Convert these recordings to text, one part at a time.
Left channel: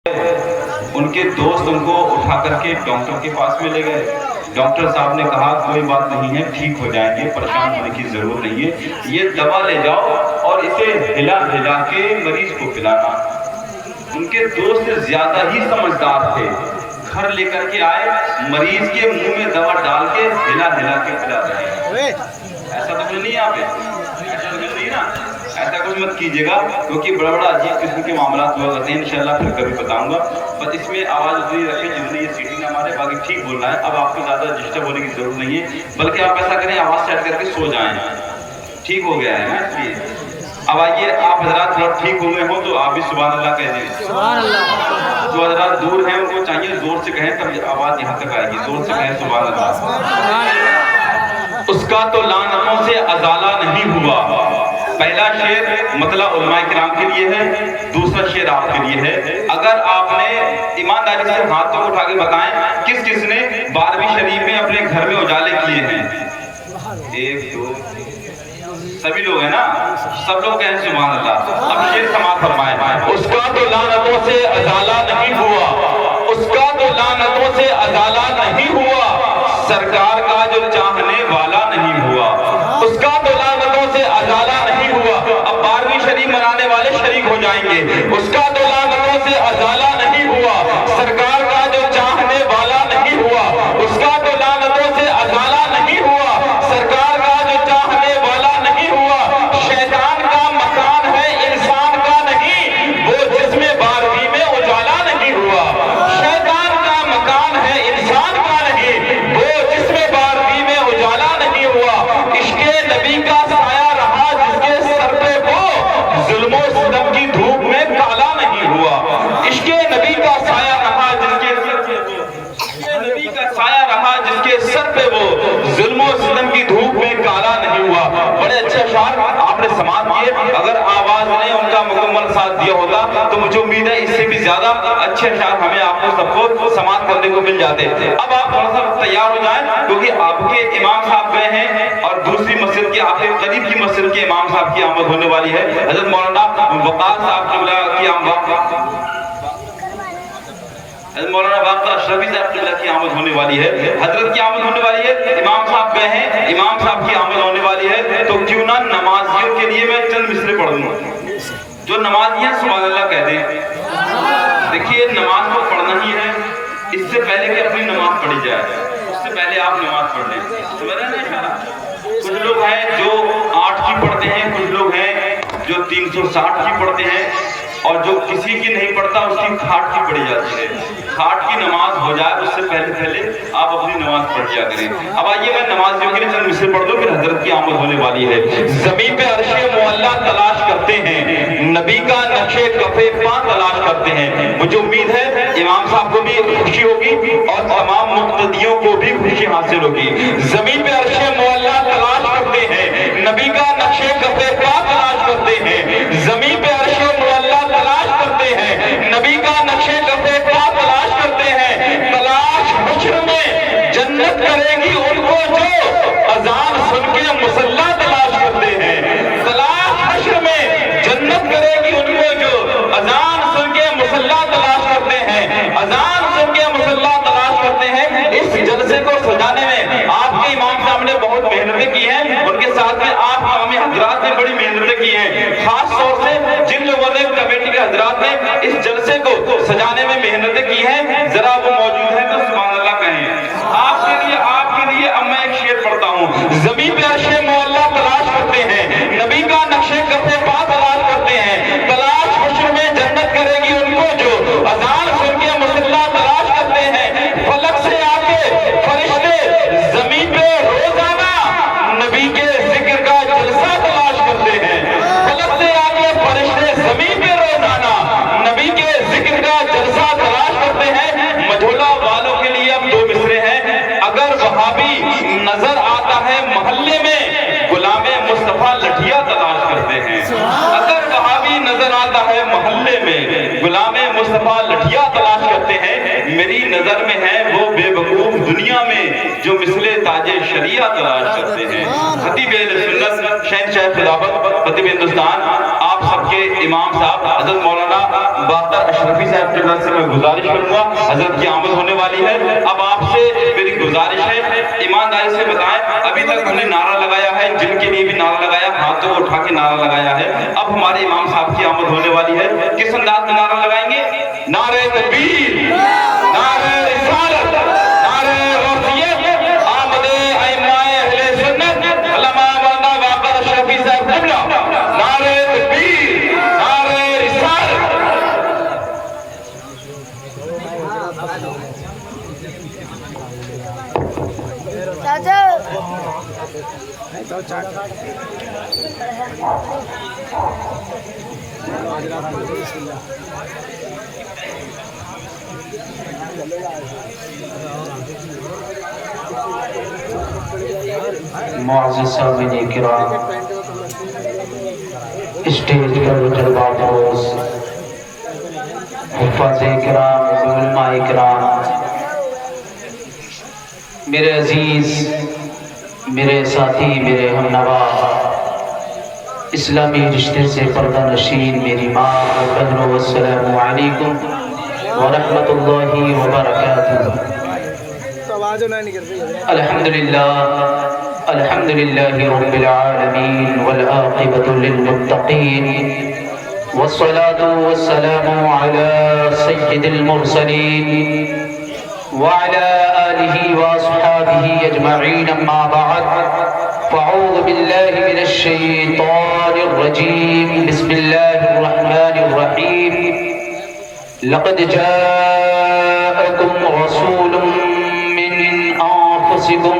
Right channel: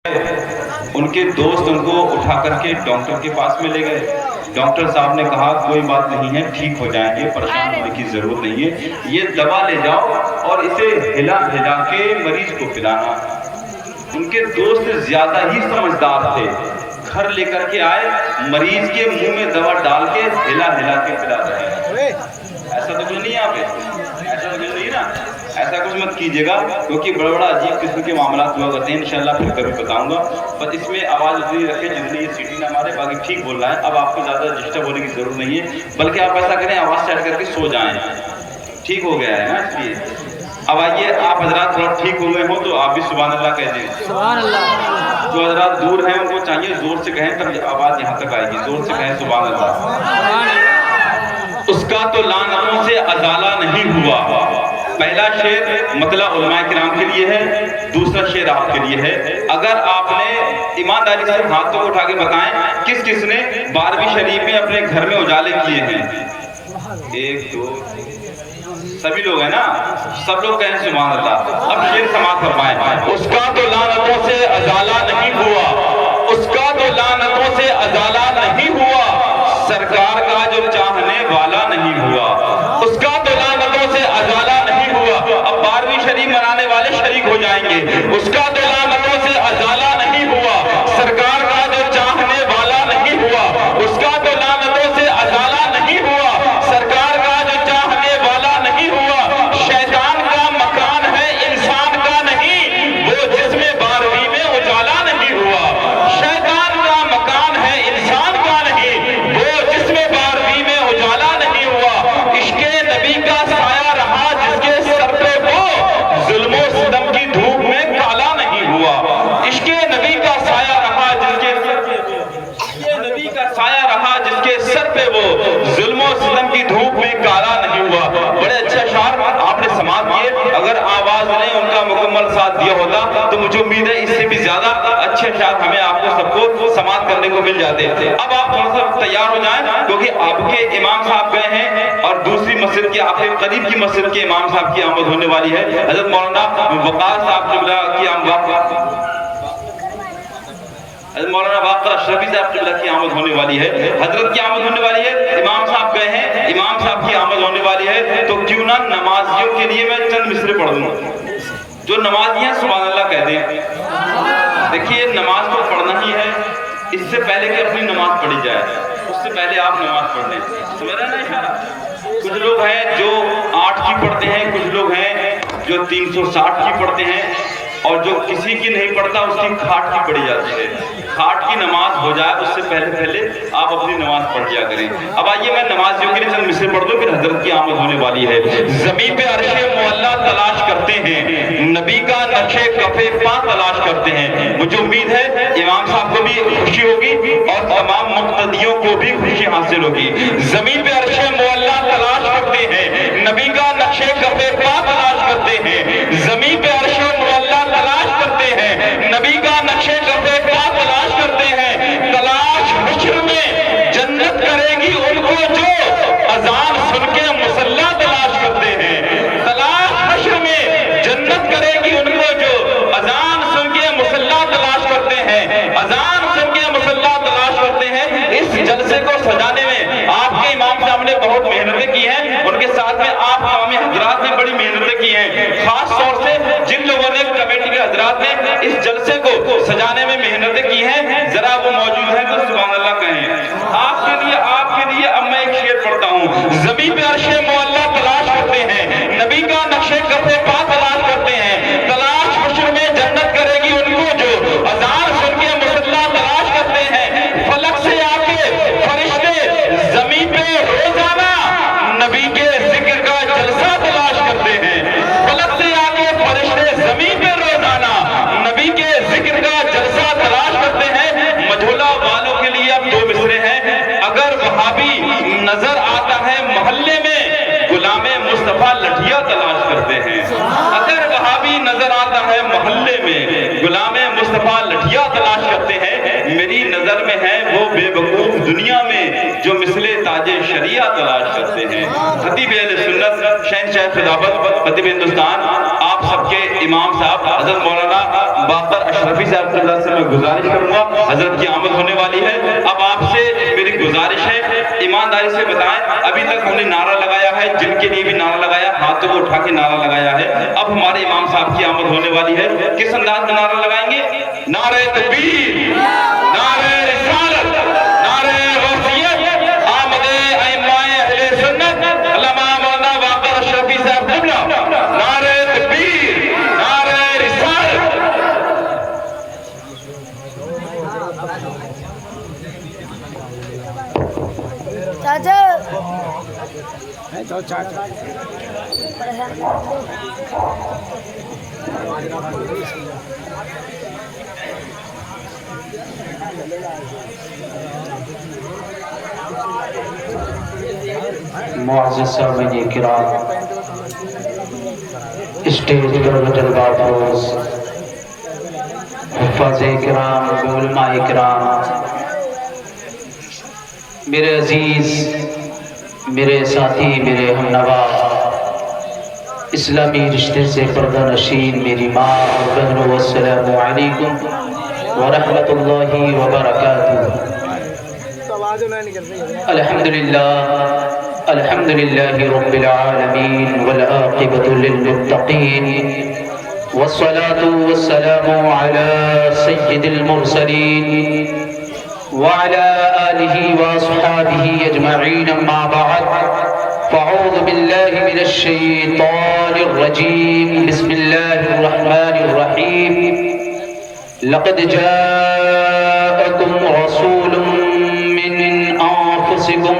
उनके दोस्त उनको उठा करके डॉक्टर के पास में ले गए। डॉक्टर साहब ने कहा कोई बात नहीं है, ठीक हो जाएंगे, परेशान होने की जरूरत नहीं है, ये दवा ले जाओ और इसे हिला हिला के मरीज को पिलाना। उनके दोस्त ज्यादा ही समझदार थे, घर लेकर के आए, मरीज के मुंह में दवा डाल के हिला हिला के पिला रहे हैं। ऐसा तो कुछ नहीं है यहाँ पे, ऐसा तो कुछ नहीं ना, ऐसा कुछ मत कीजिएगा, क्योंकि बड़ा बड़ा अजीब किस्म के मामला हुआ करते हैं। इंशाल्लाह फिर कभी बताऊंगा, बस इसमें आवाज़ उतनी रखे जितनी ये सीटी ना मारे, बाकी ठीक बोल रहा है। अब आपको ज़्यादा डिस्टर्ब होने की जरूरत नहीं है, बल्कि आप ऐसा करें आवाज़ सेट करके सो जाएं, ठीक हो गया है ना। इसलिए अब आइए, आप हजरात थोड़ा ठीक हो गए हो तो आप भी सुभान अल्लाह कह दें। सुभान अल्लाह। जो हजरात दूर हैं उनको चाहिए जोर से कहें, तब आवाज़ यहाँ तक आएगी, जोर से कहें सुभान अल्लाह। सुभान अल्लाह। उसका तो लानतों से अजाला नहीं हुआ। पहला शेर मतलब उलमाए किराम के लिए है, दूसरा शेर आपके लिए है। अगर आपने ईमानदारी से हाथों उठा के बताएं किस किस ने 12वीं शरीफ में अपने घर में उजाले किए हैं? 1 2 सभी लोग हैं ना, सब लोग कहें सुभान अल्लाह। अब शेर समाप्त फरमाएं। उसका तो लानतों से अजाला नहीं हुआ, उसका तो लानतों से अजाला नहीं हुआ, सरकार का जो चाहने वाला नहीं हुआ। उसका तो लानतों से अजाला नहीं हुआ। अब 12वीं शरीफ मनाने वाले शरीक हो जाएंगे। उसका तो लानतों से अजाला नहीं हुआ, सरकार का जो चाहने वाला नहीं हुआ। उसका तो लानतों से अजाला नहीं हुआ, सरकार का जो चाहने वाला नहीं हुआ। शैतान का मकान है इंसान का नहीं, वो जिसमें 12वीं में उजाला नहीं हुआ। शैतान का मकान है इंसान का नहीं, वो जिसमें 12वीं में उजाला नहीं हुआ। इश्के नबी का साया रहा जिसके सर पे, वो जुल्मो सितम की धूप में काला नहीं हुआ। इश्के नबी का साया रहा जिसके सर पे, वो इश्के नबी का साया रहा जिसके सर पे, वो जुल्मो सितम की धूप में काला नहीं हुआ। बड़े अच्छे अशार आपने समाप्त किए। अगर आवाज ने उनका मुकम्मल साथ दिया होता तो मुझे उम्मीद है इससे भी ज्यादा अच्छे अशार हमें आपको सबको समाप्त करने को मिल जाते। अब आप थोड़ा सा तैयार हो जाएं, क्योंकि आपके इमाम साहब गए हैं और दूसरी मस्जिद की, आपके करीब की मस्जिद के इमाम साहब की आमद होने वाली है। हजरत मौलाना वक़ार साहब क़िबला की मौलाना वाक़र अशरफी साहब क़िबला की आमद होने वाली है, हजरत की आमद होने वाली है। इमाम साहब गए हैं, इमाम साहब की आमद होने वाली है, तो क्यों ना नमाजियों के लिए मैं चंद मिसरे पढ़ दूं। जो नमाजियां सुभान अल्लाह कह दें। देखिए, नमाज तो पढ़ना ही है, इससे पहले कि अपनी नमाज पढ़ी जाए उससे पहले आप नमाज पढ़ लें। समझ रहे हैं ना इशारा? कुछ लोग हैं जो 8 की पढ़ते हैं, कुछ लोग हैं जो 360 की पढ़ते हैं, और जो किसी की नहीं पढ़ता उसकी खाट की पढ़ी जाती है। खाट की नमाज हो जाए उससे पहले आप अपनी नमाज पढ़ लिया करें। अब आइए, मैं नमाजियों के लिए चंद मिसरे पढ़ दूं, फिर हजरत की आमद होने वाली है। ज़मीन पे अर्शे मुअल्ला तलाश करते हैं, नबी का नक्शे कफे पा तलाश करते हैं। मुझे उम्मीद है इमाम साहब को भी खुशी होगी और तमाम मुक्तदियों को भी खुशी हासिल होगी। ज़मीन पे अर्शे मुअल्ला तलाश करते हैं, नबी का नक्शे कफे पा तलाश करते हैं। ज़मीन पे अर्शे मुअल्ला तलाश करते हैं, नबी का नक्शे कफे पा तलाश करते हैं। तलाश हश्र में जन्नत करेगी उनको जो अजान सुन के मुसल्ला तलाश करते हैं। तलाश हश्र में जन्नत करेगी उनको जो अजान सुन के मुसल्ला तलाश करते हैं। अजान सुन के मुसल्ला तलाश करते हैं। इस जलसे को सजाने में आपके इमाम साहब ने बहुत मेहनतें की हैं, उनके साथ में आप इमाम हजरात ने बड़ी मेहनतें की हैं। खास तौर से जिन लोगों ने कमेटी के हजरात ने इस जलसे को सजाने में मेहनतें की हैं, जरा वो मौजूद है तो सुभान अल्लाह कहें। आपके लिए अब मैं एक शेर पढ़ता हूँ। ज़मीन पे अर्शे मुअल्ला तलाश करते हैं, नबी का नक्शे कफे पा तलाश करते हैं। तलाश हश्र में जन्नत करेगी उनको जो अज़ान सुन के मुसल्ला तलाश करते हैं। फलक से आके फरिश्ते ज़मीन पे रोजाना नबी के जिक्र का जलसा तलाश करते हैं। फलक से आके फरिश्ते ज़मीन पे रोजाना नबी के जिक्र का जलसा तलाश करते हैं। मझोला वालों के लिए अब 2 मिसरे हैं। अगर वहाबी नजर आता है मोहल्ले में, गुलामे मुस्तफा लठिया तलाश करते हैं। अगर वहाबी नजर आता है मोहल्ले में, गुलामे मुस्तफा लठिया तलाश करते हैं। मेरी नजर में है वो बेवकूफ दुनिया में जो मिसले ताजे शरिया तलाश करते हैं। खतीब अहले सुन्नत शहंशाह खिलाफत खतीब हिंदुस्तान, आप آپ سب کے امام صاحب حضرت مولانا باقر اشرفی صاحب کے سے میں گزارش کروں گا، حضرت کی آمد ہونے والی ہے۔ اب آپ سے میری گزارش ہے، ایمانداری سے بتائیں، ابھی تک ہم نے نعرہ لگایا ہے، جن کے لیے بھی نعرہ لگایا، ہاتھوں کو اٹھا کے نعرہ لگایا ہے۔ اب ہمارے امام صاحب کی آمد ہونے والی ہے، کس انداز میں نعرہ لگائیں گے؟ نعرہ تکبیر، نعرہ رسالت، نعرہ غوثیت، آمد ائمہ اہل سنت علامہ مولانا باقر اشرفی صاحب قبلہ، نعرہ تکبیر، نعرہ رسالت۔ معزز سامعین کرام، اسٹیج پر جلوہ افروز حفاظ کرام، علماء کرام، میرے عزیز، میرے ساتھی، میرے ہمنوا، اسلامی رشتے سے پردہ نشین میری ماں اور بہنوں، السلام علیکم ورحمۃ اللہ وبرکاتہ۔ الحمدللہ رب العالمین والعاقبۃ للمتقین، والصلاة والسلام علی سید المرسلین وعلى آلہ واصحابہ اجمعین، اما بعد، فاعوذ باللہ من الشیطان الرجیم، بسم اللہ الرحمن الرحیم۔ لقد جاءکم رسول من انفسکم،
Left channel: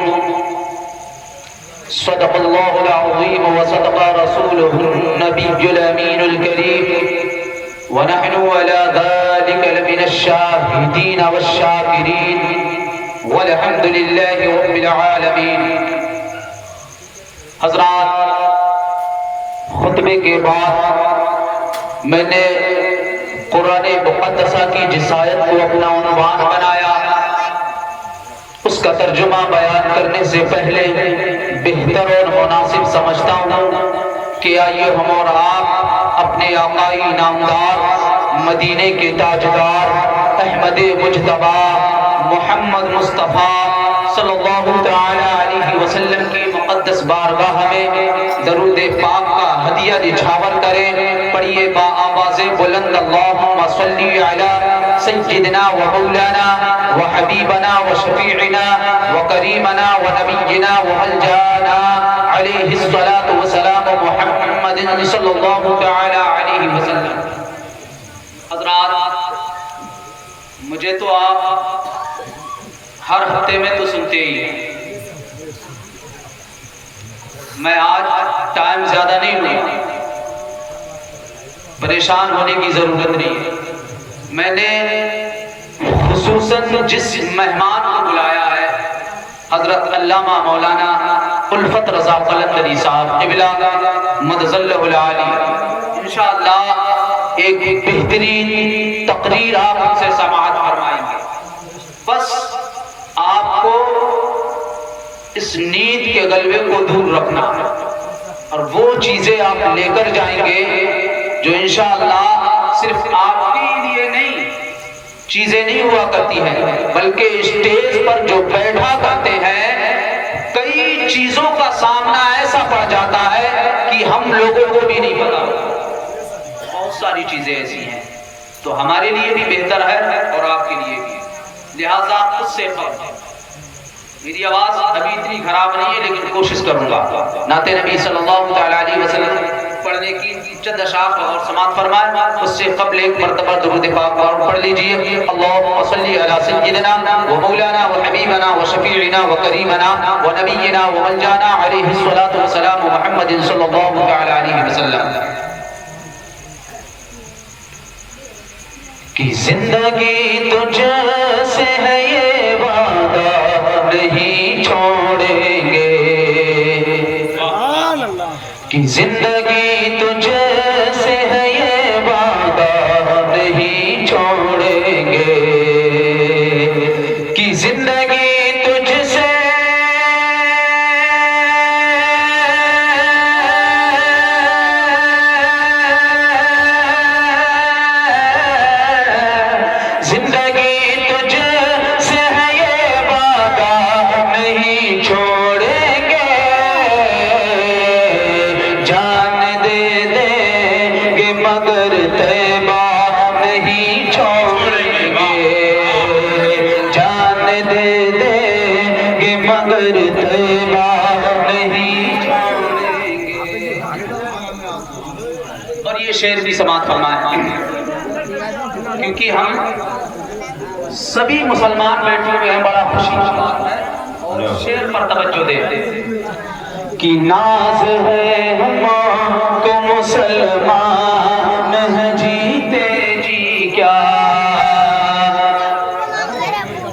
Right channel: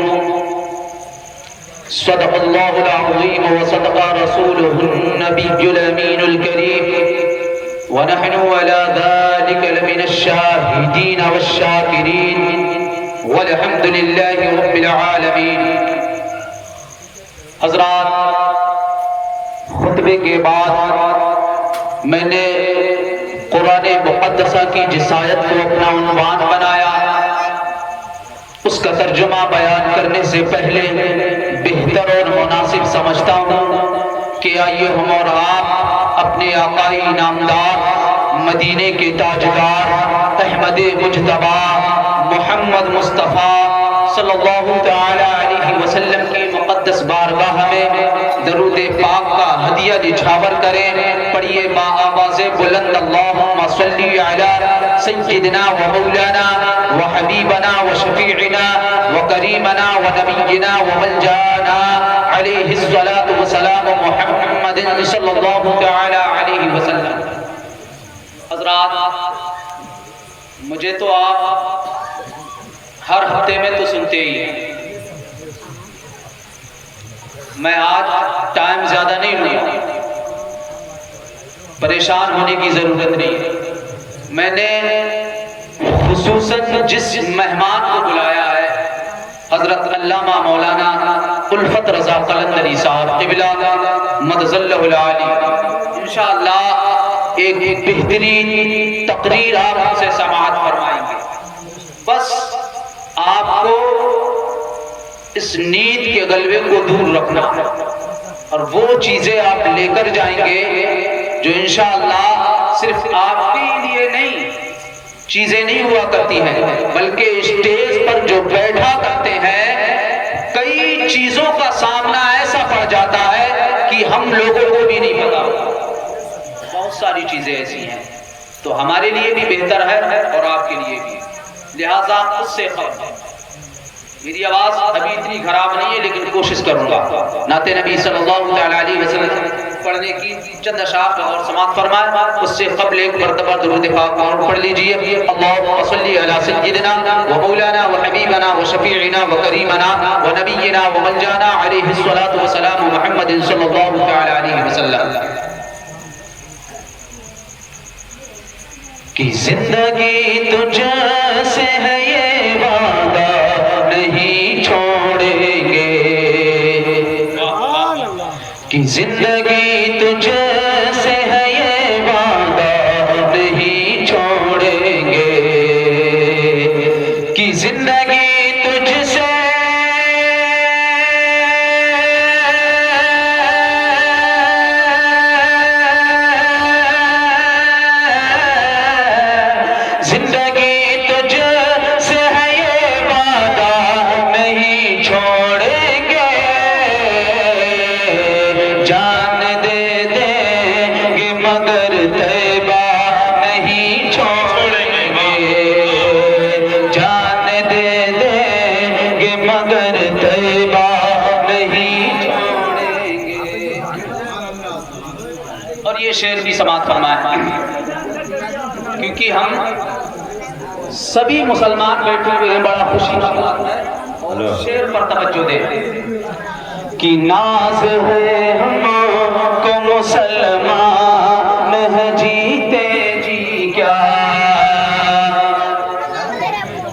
صدق اللہ العظیم وصدق رسولہ النبی الامین الکریم، ونحن على ذلك لمن الشاہدین والشاکرین، والحمد للہ رب العالمین۔ حضرات، خطبے کے بعد میں نے قرآن مقدسہ کی جس آیت کو اپنا عنوان بنایا، اس کا ترجمہ بیان کرنے سے پہلے بہتر اور مناسب سمجھتا ہوں کہ آئیے ہم اور آپ اپنے آقائی نامدار، مدینے کے تاجدار، احمد مجتبی محمد مصطفیٰ صلی اللہ تعالی علیہ وسلم کی مقدس بارگاہ میں درود پاک کا ہدیہ نچھاور کریں۔ پڑھیے با آواز بلند، اللہم صلی علی سیدنا و مولانا و حبیبنا و شفیعنا و کریمنا و نبینا و ملجانا علیہ الصلاة والسلام محمد صلی اللہ تعالی علیہ وسلم۔ حضرات، مجھے تو آپ ہر ہفتے میں تو سنتے ہی ہیں، میں آج ٹائم زیادہ نہیں لوں، پریشان ہونے کی ضرورت نہیں ہے۔ میں نے خصوصاً جس مہمان کو بلایا ہے، حضرت علامہ مولانا الفت رضا قلندری صاحب قبلہ مدظلہ العالی، انشاءاللہ ایک بہترین تقریر آپ ہم سے سماعت فرمائیں گے۔ بس آپ کو اس نیند کے غلبے کو دور رکھنا ہے، اور وہ چیزیں آپ لے کر جائیں گے جو انشاءاللہ صرف آپ کے لیے نہیں چیزیں نہیں ہوا کرتی ہیں، بلکہ اسٹیج پر جو بیٹھا کرتے ہیں، کئی چیزوں کا سامنا ایسا پڑ جاتا ہے کہ ہم لوگوں کو بھی نہیں پتا، بہت ساری چیزیں ایسی ہیں، تو ہمارے لیے بھی بہتر ہے اور آپ کے لیے بھی، لہٰذا اس سے خبر۔ میری آواز ابھی اتنی خراب نہیں ہے لیکن کوشش کروں گا۔ نعت نبی صلی اللہ تعالی علیہ وسلم پڑھنے کی چند اشعار اور سماعت فرمائے، اس سے قبل ایک مرتبہ درود پاک اور پڑھ لیجئے۔ اللہم صلی علی سیدنا و مولانا و حبیبنا و شفیعنا و کریمنا و نبینا و ملجانا علیہ الصلاۃ والسلام محمد صلی اللہ تعالی علیہ وسلم۔ کہ زندگی تجھ سے ہے یہ وعدہ نہیں چھوڑیں گے، کہ زندگی تجھ سے ہے یہ وعدہ نہیں چھوڑیں گے، کہ زندگی تجھ سے शेर की समाअत फरमाएं, क्योंकि हम सभी मुसलमान बैठे हुए हैं, बड़ा खुशी की बात है, और शेर पर तवज्जो दे कि नाज है हमको मुसलमान है जीते जी क्या,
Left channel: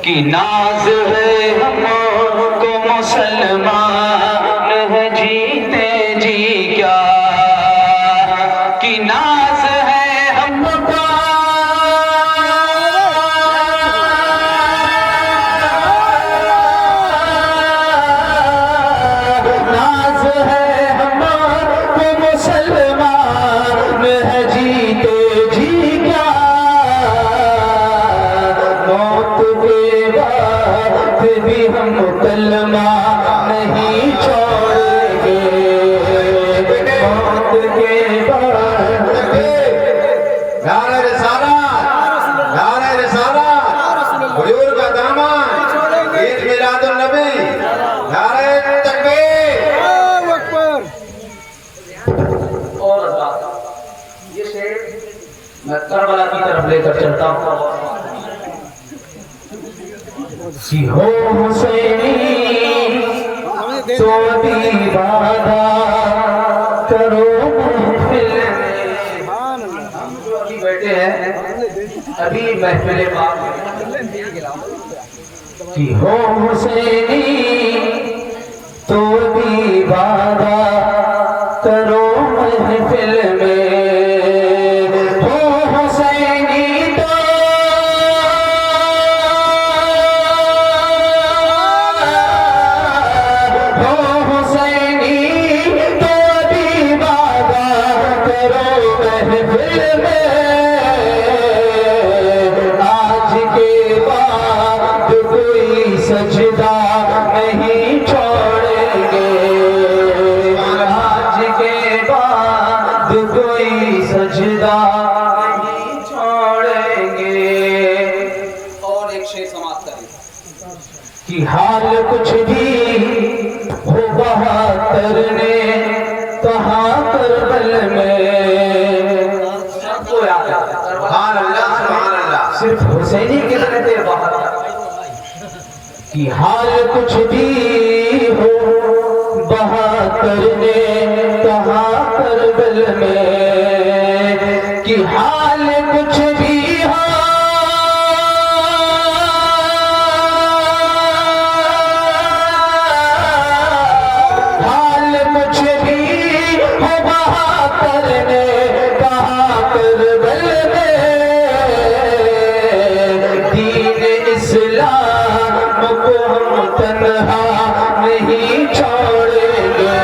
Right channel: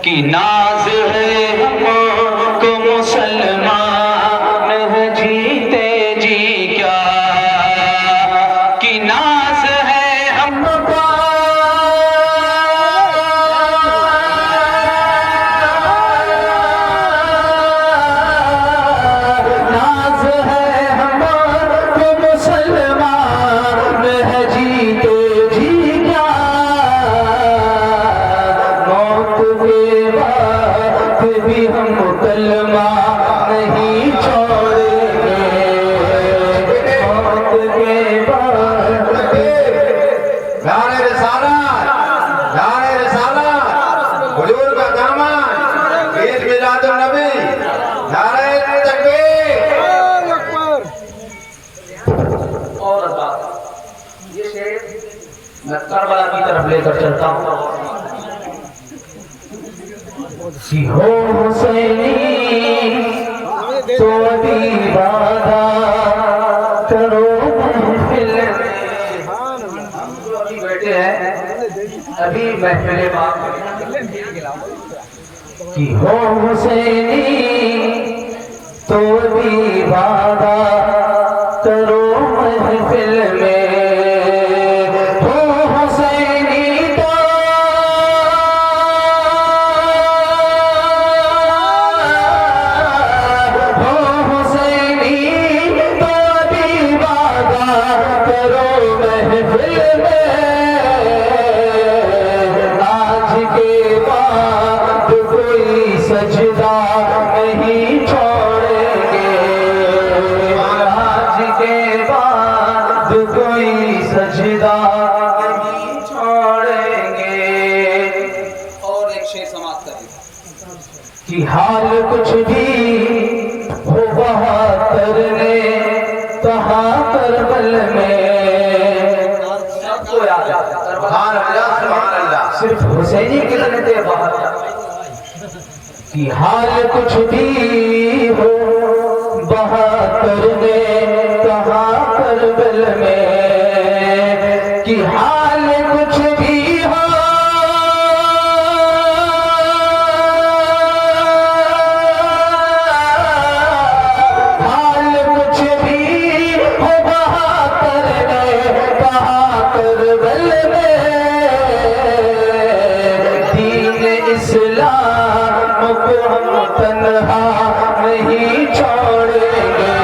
कि नाज है हमको मुसलमान है जीते जी क्या, कि नाज है हमको नाज है हमको मुसलमान है जीते जी क्या, मौत के बाद भी हम कलमा नहीं छोड़ेंगे, मौत के बाद नारे रिसालत हुजूर का दामन ईद मिलादुन नबी, नारे तकबीर। और ये शेर मैं करबला की तरफ लेकर चलता हूँ कि हो हुसैनी तो अभी वादा करो महफिल में, हम जो अभी बैठे हैं अभी महफिल बात कि हो हुसैनी तो अभी वादा करो महफिल में, हो हुसैनी तो हो हुसैनी तो अभी वादा करो महफिल में, आज के बाद कोई सजदा नहीं छोड़ेंगे, आज के बाद कोई सजदा नहीं छोड़ेंगे। और एक शेर समाप्त करें कि हाल कुछ भी हो बहादुर ने कहा करबल में, सबको याद है सुभान अल्लाह, सुभान अल्लाह। सिर्फ हुसैनी की लगते बहादुर कि हाल कुछ भी हो बहादुर ने कहा करबल में, कि हाल कुछ भी हो हाल कुछ भी हो बहादुर ने कहा करबल में, दीन इस्लाम को हम तन्हा नहीं छोड़ेंगे,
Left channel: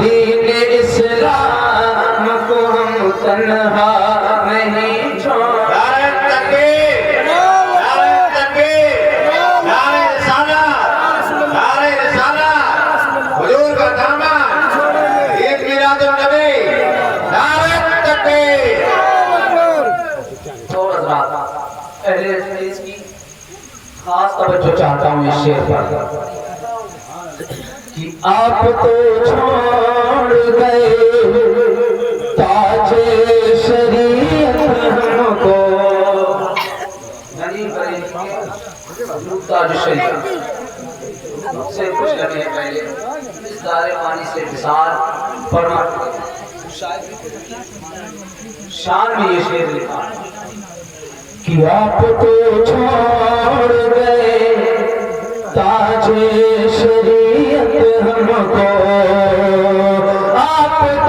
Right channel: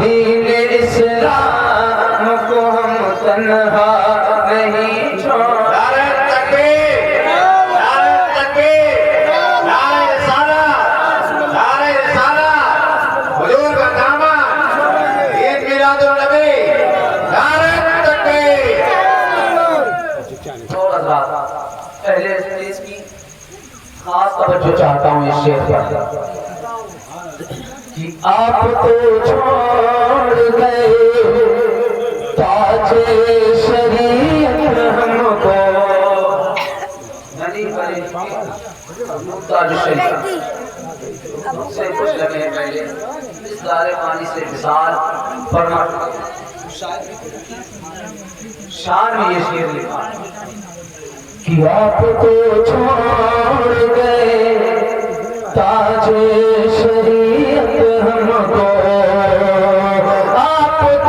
दीन इस्लाम को हम तन्हा नहीं छोड़ेंगे। नारे तकबीर, नारे तकबीर, नारे रिसालत हुजूर का दामन ईद मिलादुन नबी, नारे तकबीर। और हज़रात पहले इसकी खास तवज्जो चाहता हूँ इस शेर पर कि आप तो छोड़ गए ताजे शरीयत हमको, नहीं बड़े ताज शरीयत से कुछ लगे हैं पहले इस दारे पानी से विसाल फरमा शान में ये शेर लिखा कि आप तो छोड़ गए ताजे शरीयत हमको, आप तो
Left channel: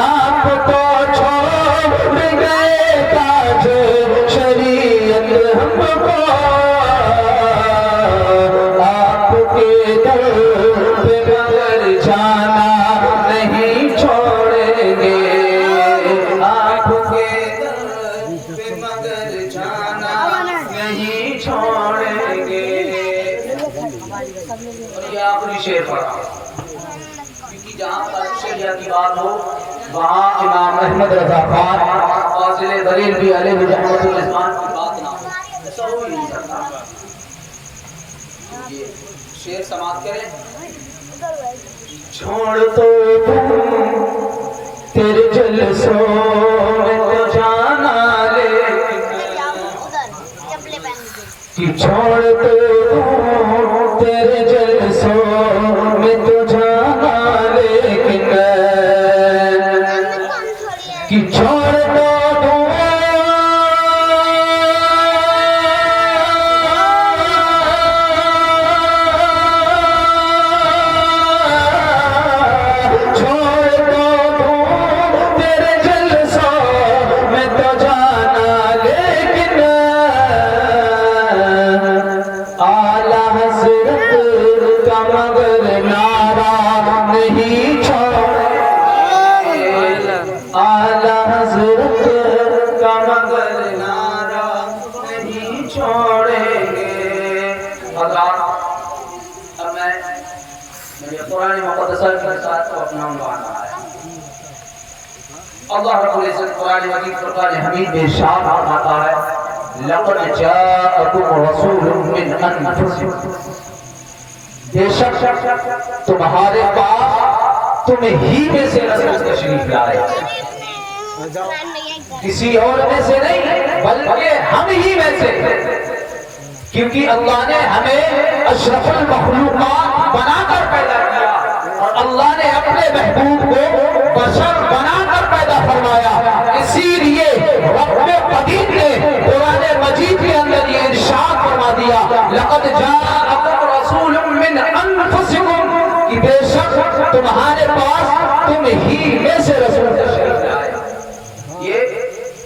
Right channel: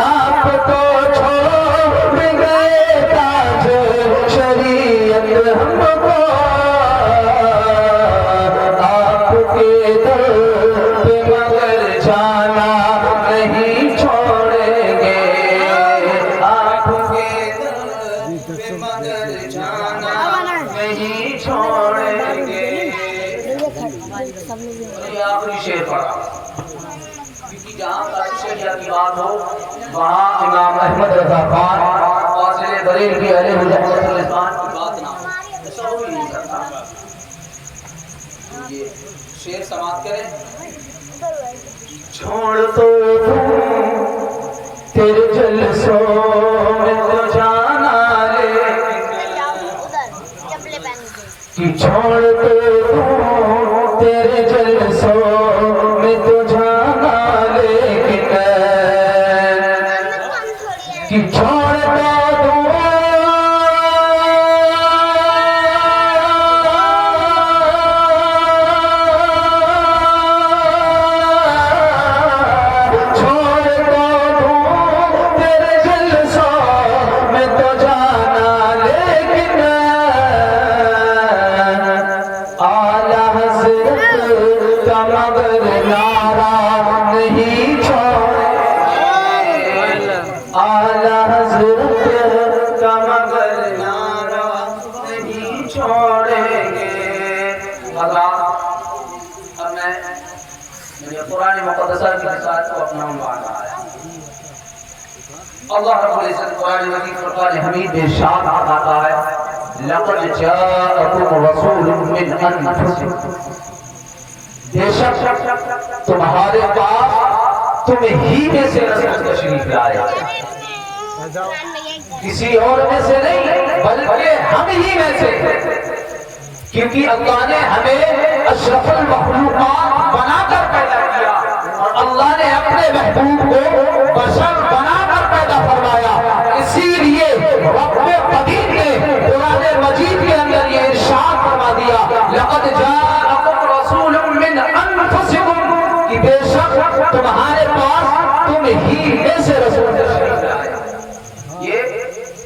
आप तो छोड़ गए ताजे शरीयत हमको, आपके दर पे मगर जाना नहीं छोड़ेंगे, आपके दर पे मगर जाना नहीं छोड़ेंगे। और ये आखिरी शेर पढ़ा क्योंकि जहाँ पर शरिया की बात हो वहाँ इमाम अहमद रज़ा खान और बरेलवी अलैहि रहमतुल्लाह की बात ना हो, ऐसा हो ही नहीं सकता। شعر سماعت کریں. چھوڑ تو تیرے جلسوں میں تو جانا لے کہ چھوڑ تو تیرے جلسوں میں تو جانا لے کہ چھوڑ تو قرآن مقدسہ کی ساتھ کو اپنا عنوان ہے. اللہ رب العزت قرآن مجید فرقان حمید میں ارشاد فرماتا ہے لقد جاءکم رسول من انفسکم، بے شک تمہارے پاس تم ہی میں سے رسول تشریف لائے، کسی اور میں سے نہیں بلکہ ہم ہی میں سے، کیونکہ اللہ نے ہمیں اشرف المخلوقات بنا کر پیدا کیا اور اللہ نے اپنے محبوب کو بشر بنا کر پیدا فرمایا. اسی لیے رب قدیر نے قرآن مجید کے اندر یہ ارشاد فرما دیا لقد جاءکم رسول من انفسکم، کہ بے شک تمہارے پاس تم ہی میں سے رسول تشریف لائے. یہ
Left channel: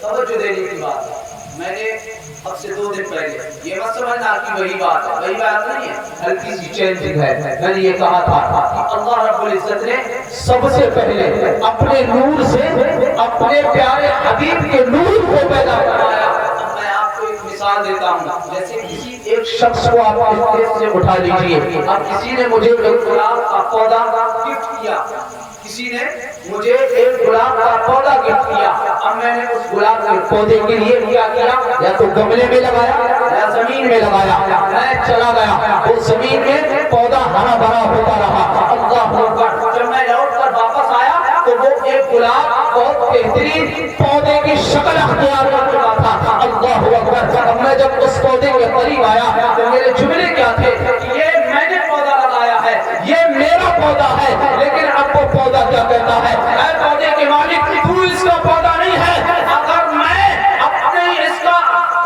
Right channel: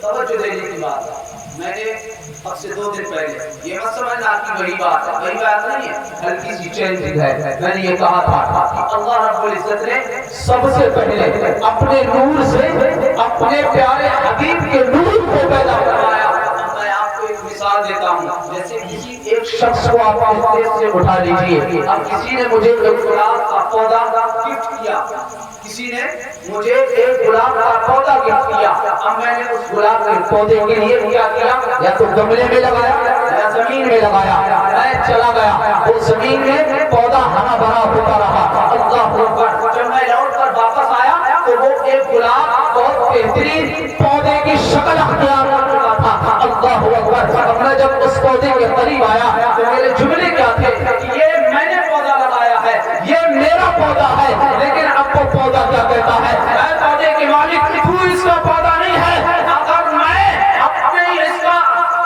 توجہ دینے کی بات ہے. میں نے اب سے 2 دن پہلے یہ مت سمجھنا کہ وہی بات ہے، وہی بات نہیں ہے، ہلکی سی چینجنگ ہے. میں نے یہ کہا تھا کہ اللہ رب العزت نے سب سے پہلے اپنے نور سے اپنے پیارے حبیب کے نور کو پیدا کرایا. میں آپ کو ایک مثال دیتا ہوں. جیسے کسی ایک شخص کو آپ اس سے اٹھا لیجئے، اب کسی نے مجھے ایک گلاب کا پودا گفٹ کیا، کسی نے مجھے ایک گلاب کا پودا گفٹ کیا. اب میں نے اس گلاب کے پودے کے لیے کیا کیا، یا تو گملے میں لگایا یا زمین میں لگایا. میں چلا گیا، وہ زمین میں پودا ہرا بھرا ہوتا رہا. اللہ اکبر. جب میں لوٹ کر واپس آیا تو وہ ایک گلاب بہت بہترین پودے کی شکل اختیار کر چکا تھا. اللہ اکبر. اب میں جب اس پودے کے قریب آیا تو میرے جملے کیا تھے کہ یہ میں نے پودا لگایا ہے، یہ میرا پودا ہے. لیکن اب وہ پودا کیا کہتا ہے، اے پودے کے مالک تو اس کا پودا نہیں ہے. اگر میں اپنے اس کا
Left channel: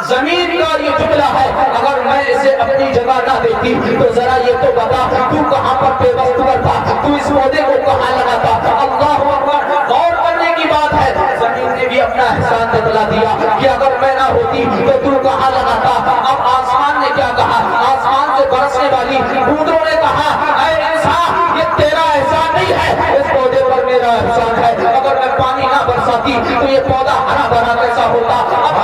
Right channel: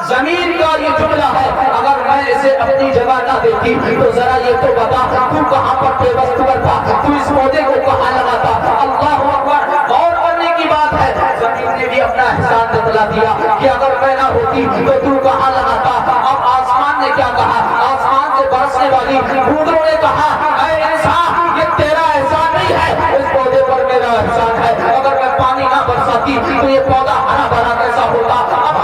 زمین کا یہ جملہ ہے، اگر میں اسے اپنی جگہ نہ دیتی تو ذرا یہ تو بتا تو کہاں پر بے وقت تھا، تو اس پودے کو کہاں لگاتا. اللہ اکبر. غور کرنے کی بات ہے. زمین نے بھی اپنا احسان بتلا دیا کہ اگر میں نہ ہوتی تو تو کہاں لگاتا. اب آسمان نے کیا کہا، آسمان سے برسنے والی بوندوں نے کہا اے انسان یہ تیرا احسان نہیں ہے، اس پودے پر میرا احسان ہے. اگر میں پانی نہ برساتی تو یہ پودا ہرا بھرا کیسا ہوتا. اب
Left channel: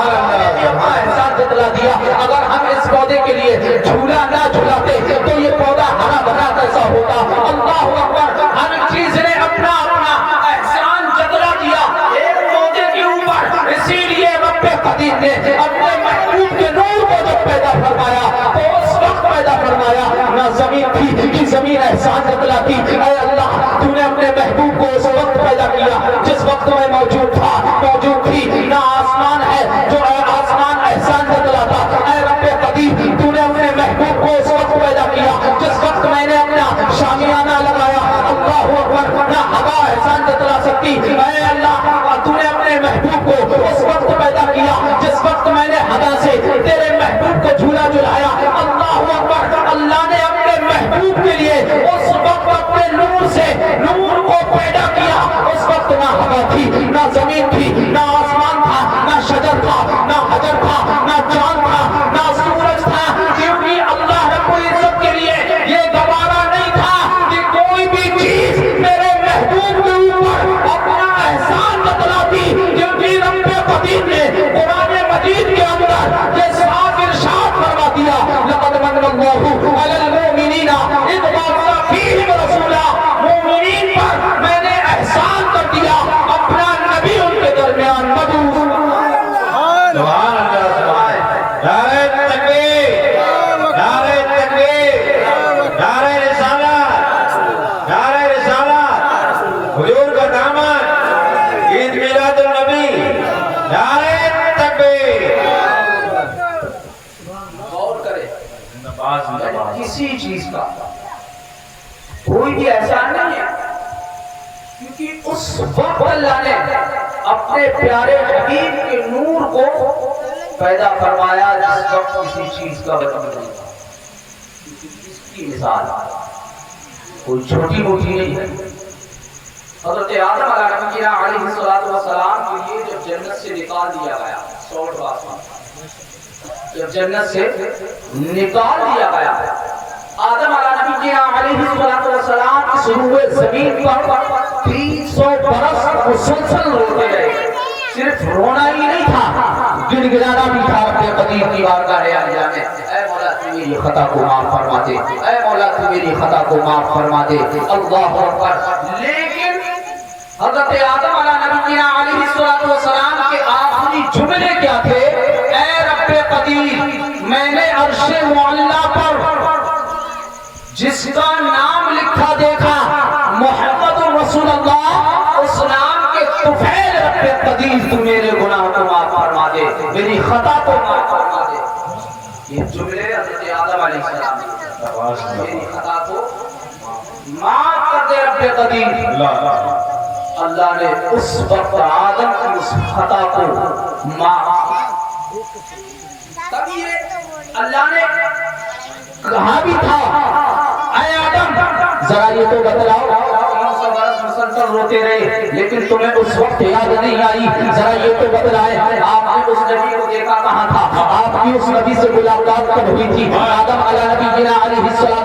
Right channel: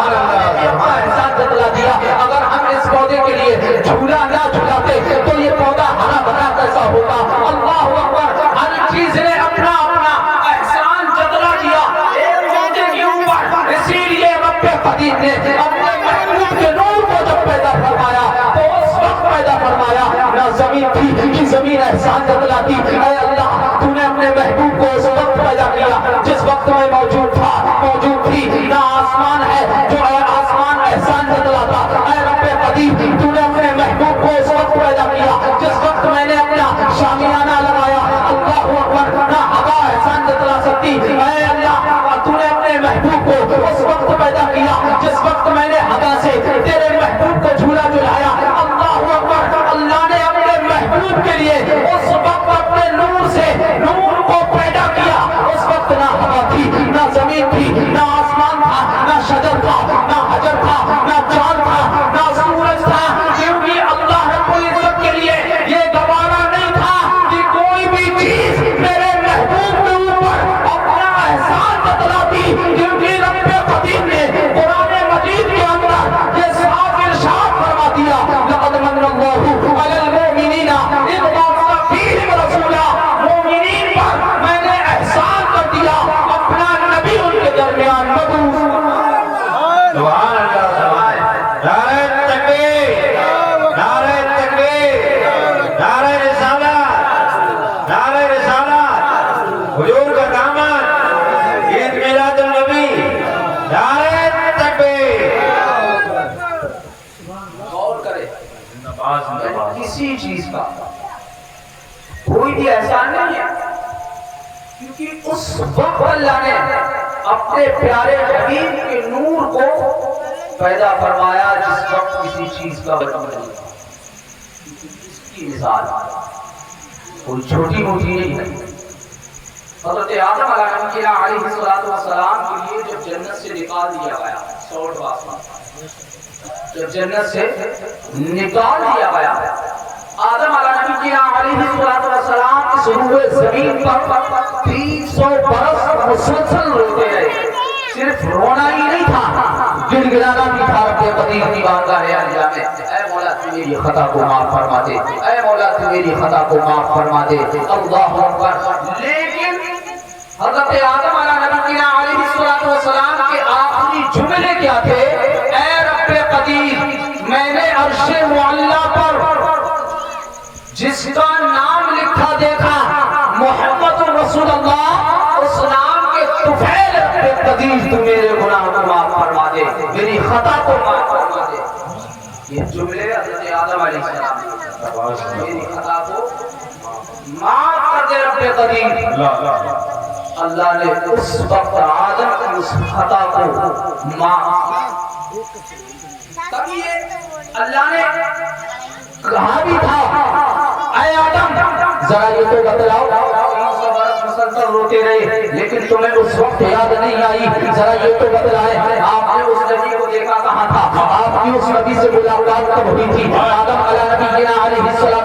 احسان بتلا دیا اگر ہم اس پودے کے لیے جھولا نہ جھلاتے تو یہ پودا ہرا بھرا کیسا ہوتا. اللہ اکبر. ہر چیز نے اپنا اپنا احسان جتلا دیا ایک پودے کے اوپر. اسی لیے رب قدیر نے اپنے محبوب کے نور کو جب پیدا فرمایا تو اس وقت پیدا فرمایا نہ زمین تھی کہ زمین احسان جتلاتی. اے اللہ تو نے اپنے محبوب کو اس وقت پیدا کیا جس وقت میں موجود تھا موجود تھی. نہ آسمان ہے جو آسمان احسان جتلاتا. اے رب قدیر تو نے اپنے محبوب کو اس وقت پیدا کیا جس وقت میں نے اپنا شامیانہ لگایا. اللہ اکبر. نہ ہوا احسان جتلا سکتی. اے اللہ تو نے اپنے محبوب کو اس وقت پیدا کیا جس وقت میں نے ہوا سے تیرے محبوب کو جھولا جھلایا. اللہ اکبر. اللہ نے اپنے محبوب کے لیے اس وقت اپنے نور سے نور کو پیدا کیا. اس وقت نہ ہوا تھی نہ زمین تھی نہ آسمان تھا نہ شجر تھا نہ حجر تھا نہ چاند تھا نہ سورج تھا. کیونکہ اللہ رب العزت کے لیے یہ گوارا نہیں تھا کہ کوئی بھی چیز میرے हुजूर का दामन, ईद मिलादुल नबी, नारे तकबीर। गौर करे, किसी चीज का कोई भी एहसान नहीं है, क्योंकि उस वक्त अल्लाह ने अपने प्यारे हबीब के नूर को पैदा फरमाया जिस वक्त किसी चीज का बदल नहीं था। इसकी मिसाल कोई छोटी मोटी नहीं है। हज़रत आदम अलैहिस्सलाम के लिए जब जन्नत से निकाल दिया गया, 100 बात जब जन्नत से निकाल दिया गया, आदम अलैहिस्सलाम इस रूए जमीन पर 300 बरस मुसलसल रोते रहे। सिर्फ रोना ही नहीं था, गिड़गिड़ाना भी था रब्बे कदीर की बारगाह आलिया में, ऐ मौला तू मेरी खता को माफ फरमा दे, ऐ मौला तू मेरी खता को माफ फरमा दे। अल्लाहु अकबर। लेकिन हज़रत आदम अलैहिस्सलाम के आखिरी जुमले क्या थे? ऐ रब्बे कदीर, मैंने अर्शे मुअल्ला पर जिसका नाम लिखा देखा मोहम्मद रसूलुल्लाह, उस नाम के तुफैल रब्बे कदीर तू मेरे गुनाह को माफ फरमा दे, मेरी खता को माफ फरमा दे। ये जुमले हज़रत आदम अलैहिस्सलाम ने, मेरी खता को माफ कर दे रब्बे कदीर। अल्लाह ने उस वक्त आदम की उस खता को माफ, तब ये अल्लाह ने कहा भी था, ऐ आदम जरा ये तो बतलाओ, 300 बरस मुसलसल रोते रहे लेकिन तुम्हें उस वक्त याद नहीं आई, जरा ये तो बतलाए आपने उस नबी को देखा कहाँ था, आपकी उस नबी से मुलाकात कब हुई थी? आदम अलैहिस्सलाम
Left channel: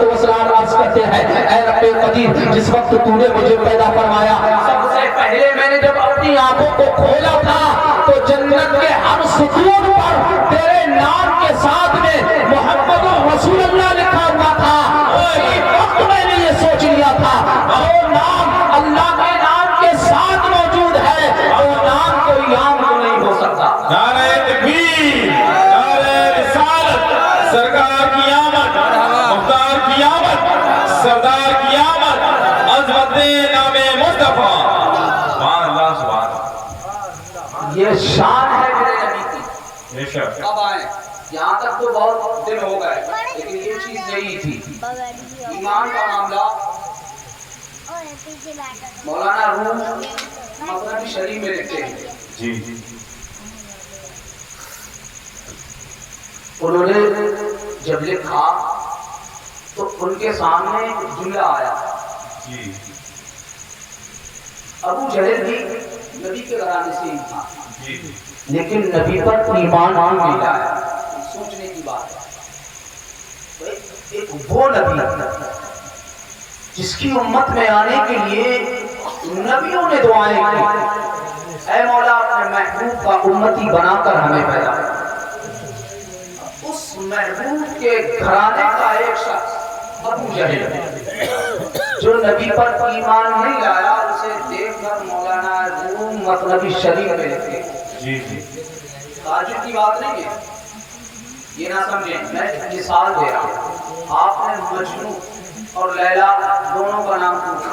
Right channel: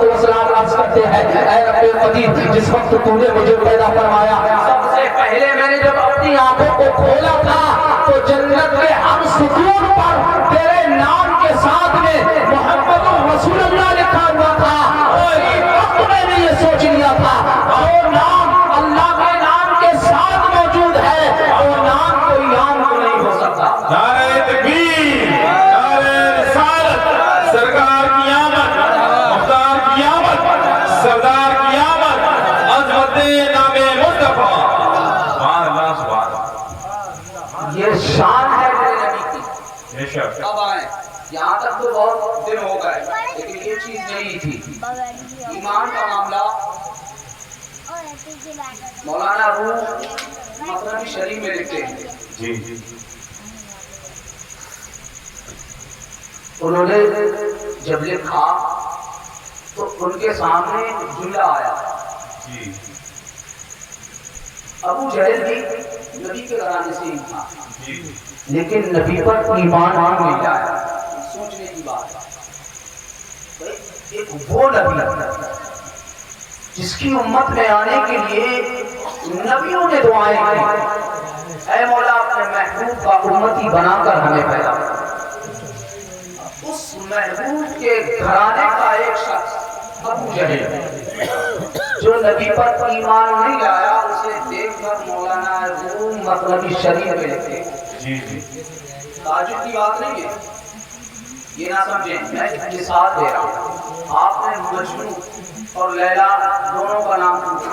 अर्ज करते हैं, ऐ रब्बे कदीर, जिस वक्त तूने मुझे पैदा फरमाया, सबसे पहले मैंने जब अपनी आंखों को खोला था तो जन्नत के हर सुकून पर तेरे नाम के साथ में मोहम्मद रसूलुल्लाह लिखा हुआ था। उसी वक्त मैंने ये सोच लिया था, वो नाम अल्लाह के नाम के साथ मौजूद है, वो नाम कोई आम नहीं हो सकता। नारे तकबीर, नारे रिसालत, सरकार की आमद, मुख्तार की आमद, सरदार की आमद, अज़मते नामे मुस्तफा। सुभान अल्लाह, सुभान। ये शान है मेरे नबी की। बेशक। कब आए? यहाँ तक तो बहुत दिन हो गए, लेकिन ये चीज नहीं थी। ईमान का मामला मौलाना रूम मसनवी शरीफ में लिखते हैं, जी, उन्होंने जब लिखा तो उनके सामने जुमला आया, जी, अबू जहल भी नबी के घराने से ही था, जी, लेकिन नबी पर ईमान नहीं लाया। सोचने की बात है भाई, एक वो नबी जिसकी उम्मत में आने के लिए नबियों ने दुआएं की, ऐ मौला अपने महबूब का उम्मती बनाकर हमें पैदा कर। उस महबूब के घराने का एक शख्स अबू जहल जो नबी पर ईमान नहीं लाया, उसे देखकर मौलाना रूम मसनवी शरीफ में लिखते, जी, ताजुब की बात नहीं है, ये ना समझें, मैं एक मिसाल दे रहा हूँ। आपने मजनू और लैला दोनों का नाम पूछा,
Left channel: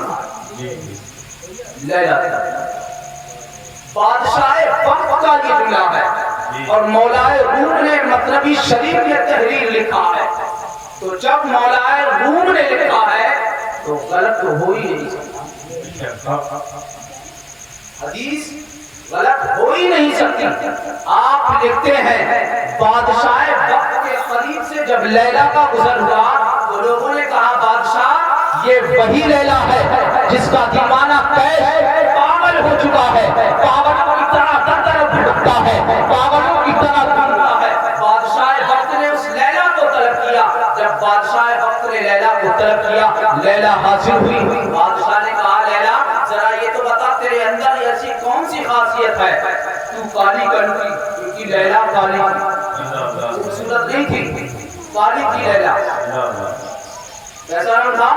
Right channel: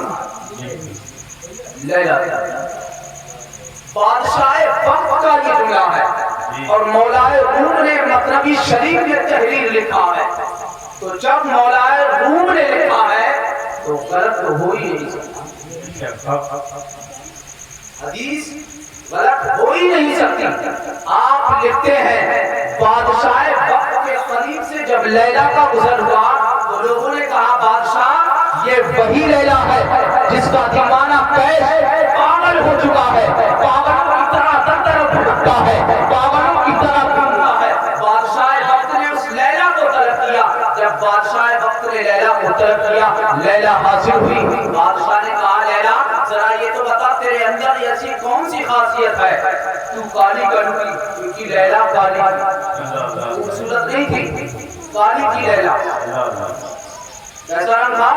लैला बादशाह वक्त का ये जुमला है और मौलाए रूम ने मसनवी शरीफ में तहरीर लिखा है, तो जब मौलाए रूम ने लिखा है तो गलत तो हो ही नहीं सकता, हदीस गलत हो ही नहीं सकती। आप लिखते हैं बादशाह वक्त के करीब से जब लैला का गुजर हुआ तो लोगों ने कहा बादशाह ये वही लैला है जिसका दीवाना कैश पागल हो चुका है, पागलों की तरह दर दर भटकता है, पागलों की तरह घूमता है। बादशाह वक्त ने उस लैला को तलब किया, जब बादशाह वक्त ने लैला को तलब किया, लैला हाजिर हुई। बादशाह ने कहा लैला जरा ये तो बता तेरे अंदर ऐसी कौन सी खासियत है, तू काली कलुकी, क्योंकि लैला काली खूबसूरत नहीं थी, काली थी लैला, कैसा रंग था?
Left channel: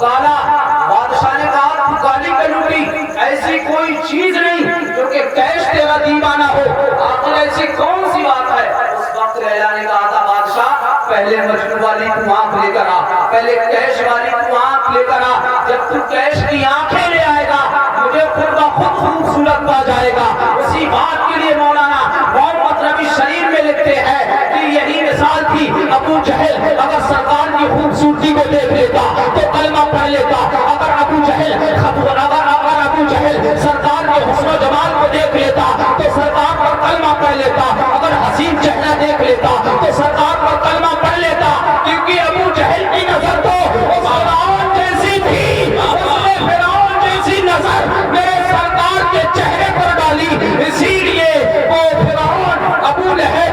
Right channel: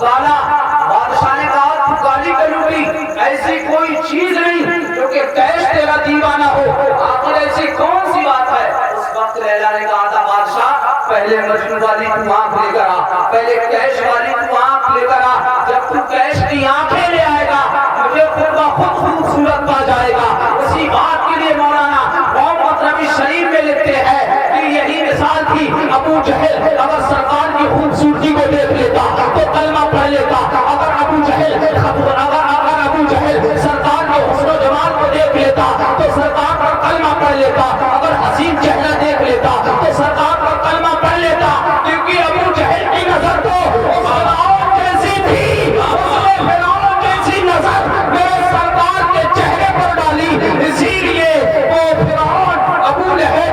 काला। बादशाह ने कहा तू काली कलुकी, ऐसी कोई चीज नहीं क्योंकि कैश तेरा दीवाना हो, आखिर ऐसी कौन सी बात है? उस वक्त लैला ने कहा था बादशाह पहले मजनू वाली तू आंख लेकर आ, पहले कैश वाली तू आंख लेकर आ, जब तू कैश की आंखें ले आएगा خود بخود خوبصورت پا جائے گا. اسی بات کے لیے مولانا محمد ربی شریف میں لکھتے ہیں کہ یہی مثال تھی. ابو جہل اگر سرکار کی خوبصورتی کو دیکھ لیتا تو کلمہ پڑھ لیتا. اگر ابو جہل سرکار کے حسن و جمال کو دیکھ لیتا تو سرکار پر کلمہ پڑھ لیتا. اگر حسین چہرہ دیکھ لیتا تو سرکار پر کلمہ پڑھ لیتا. کیونکہ ابو جہل کی نظر تو فرعون جیسی تھی. فرعون جیسی نظر میرے سرکار کے چہرے پر ڈالی. اسی لیے وہ فرعون ابو لہب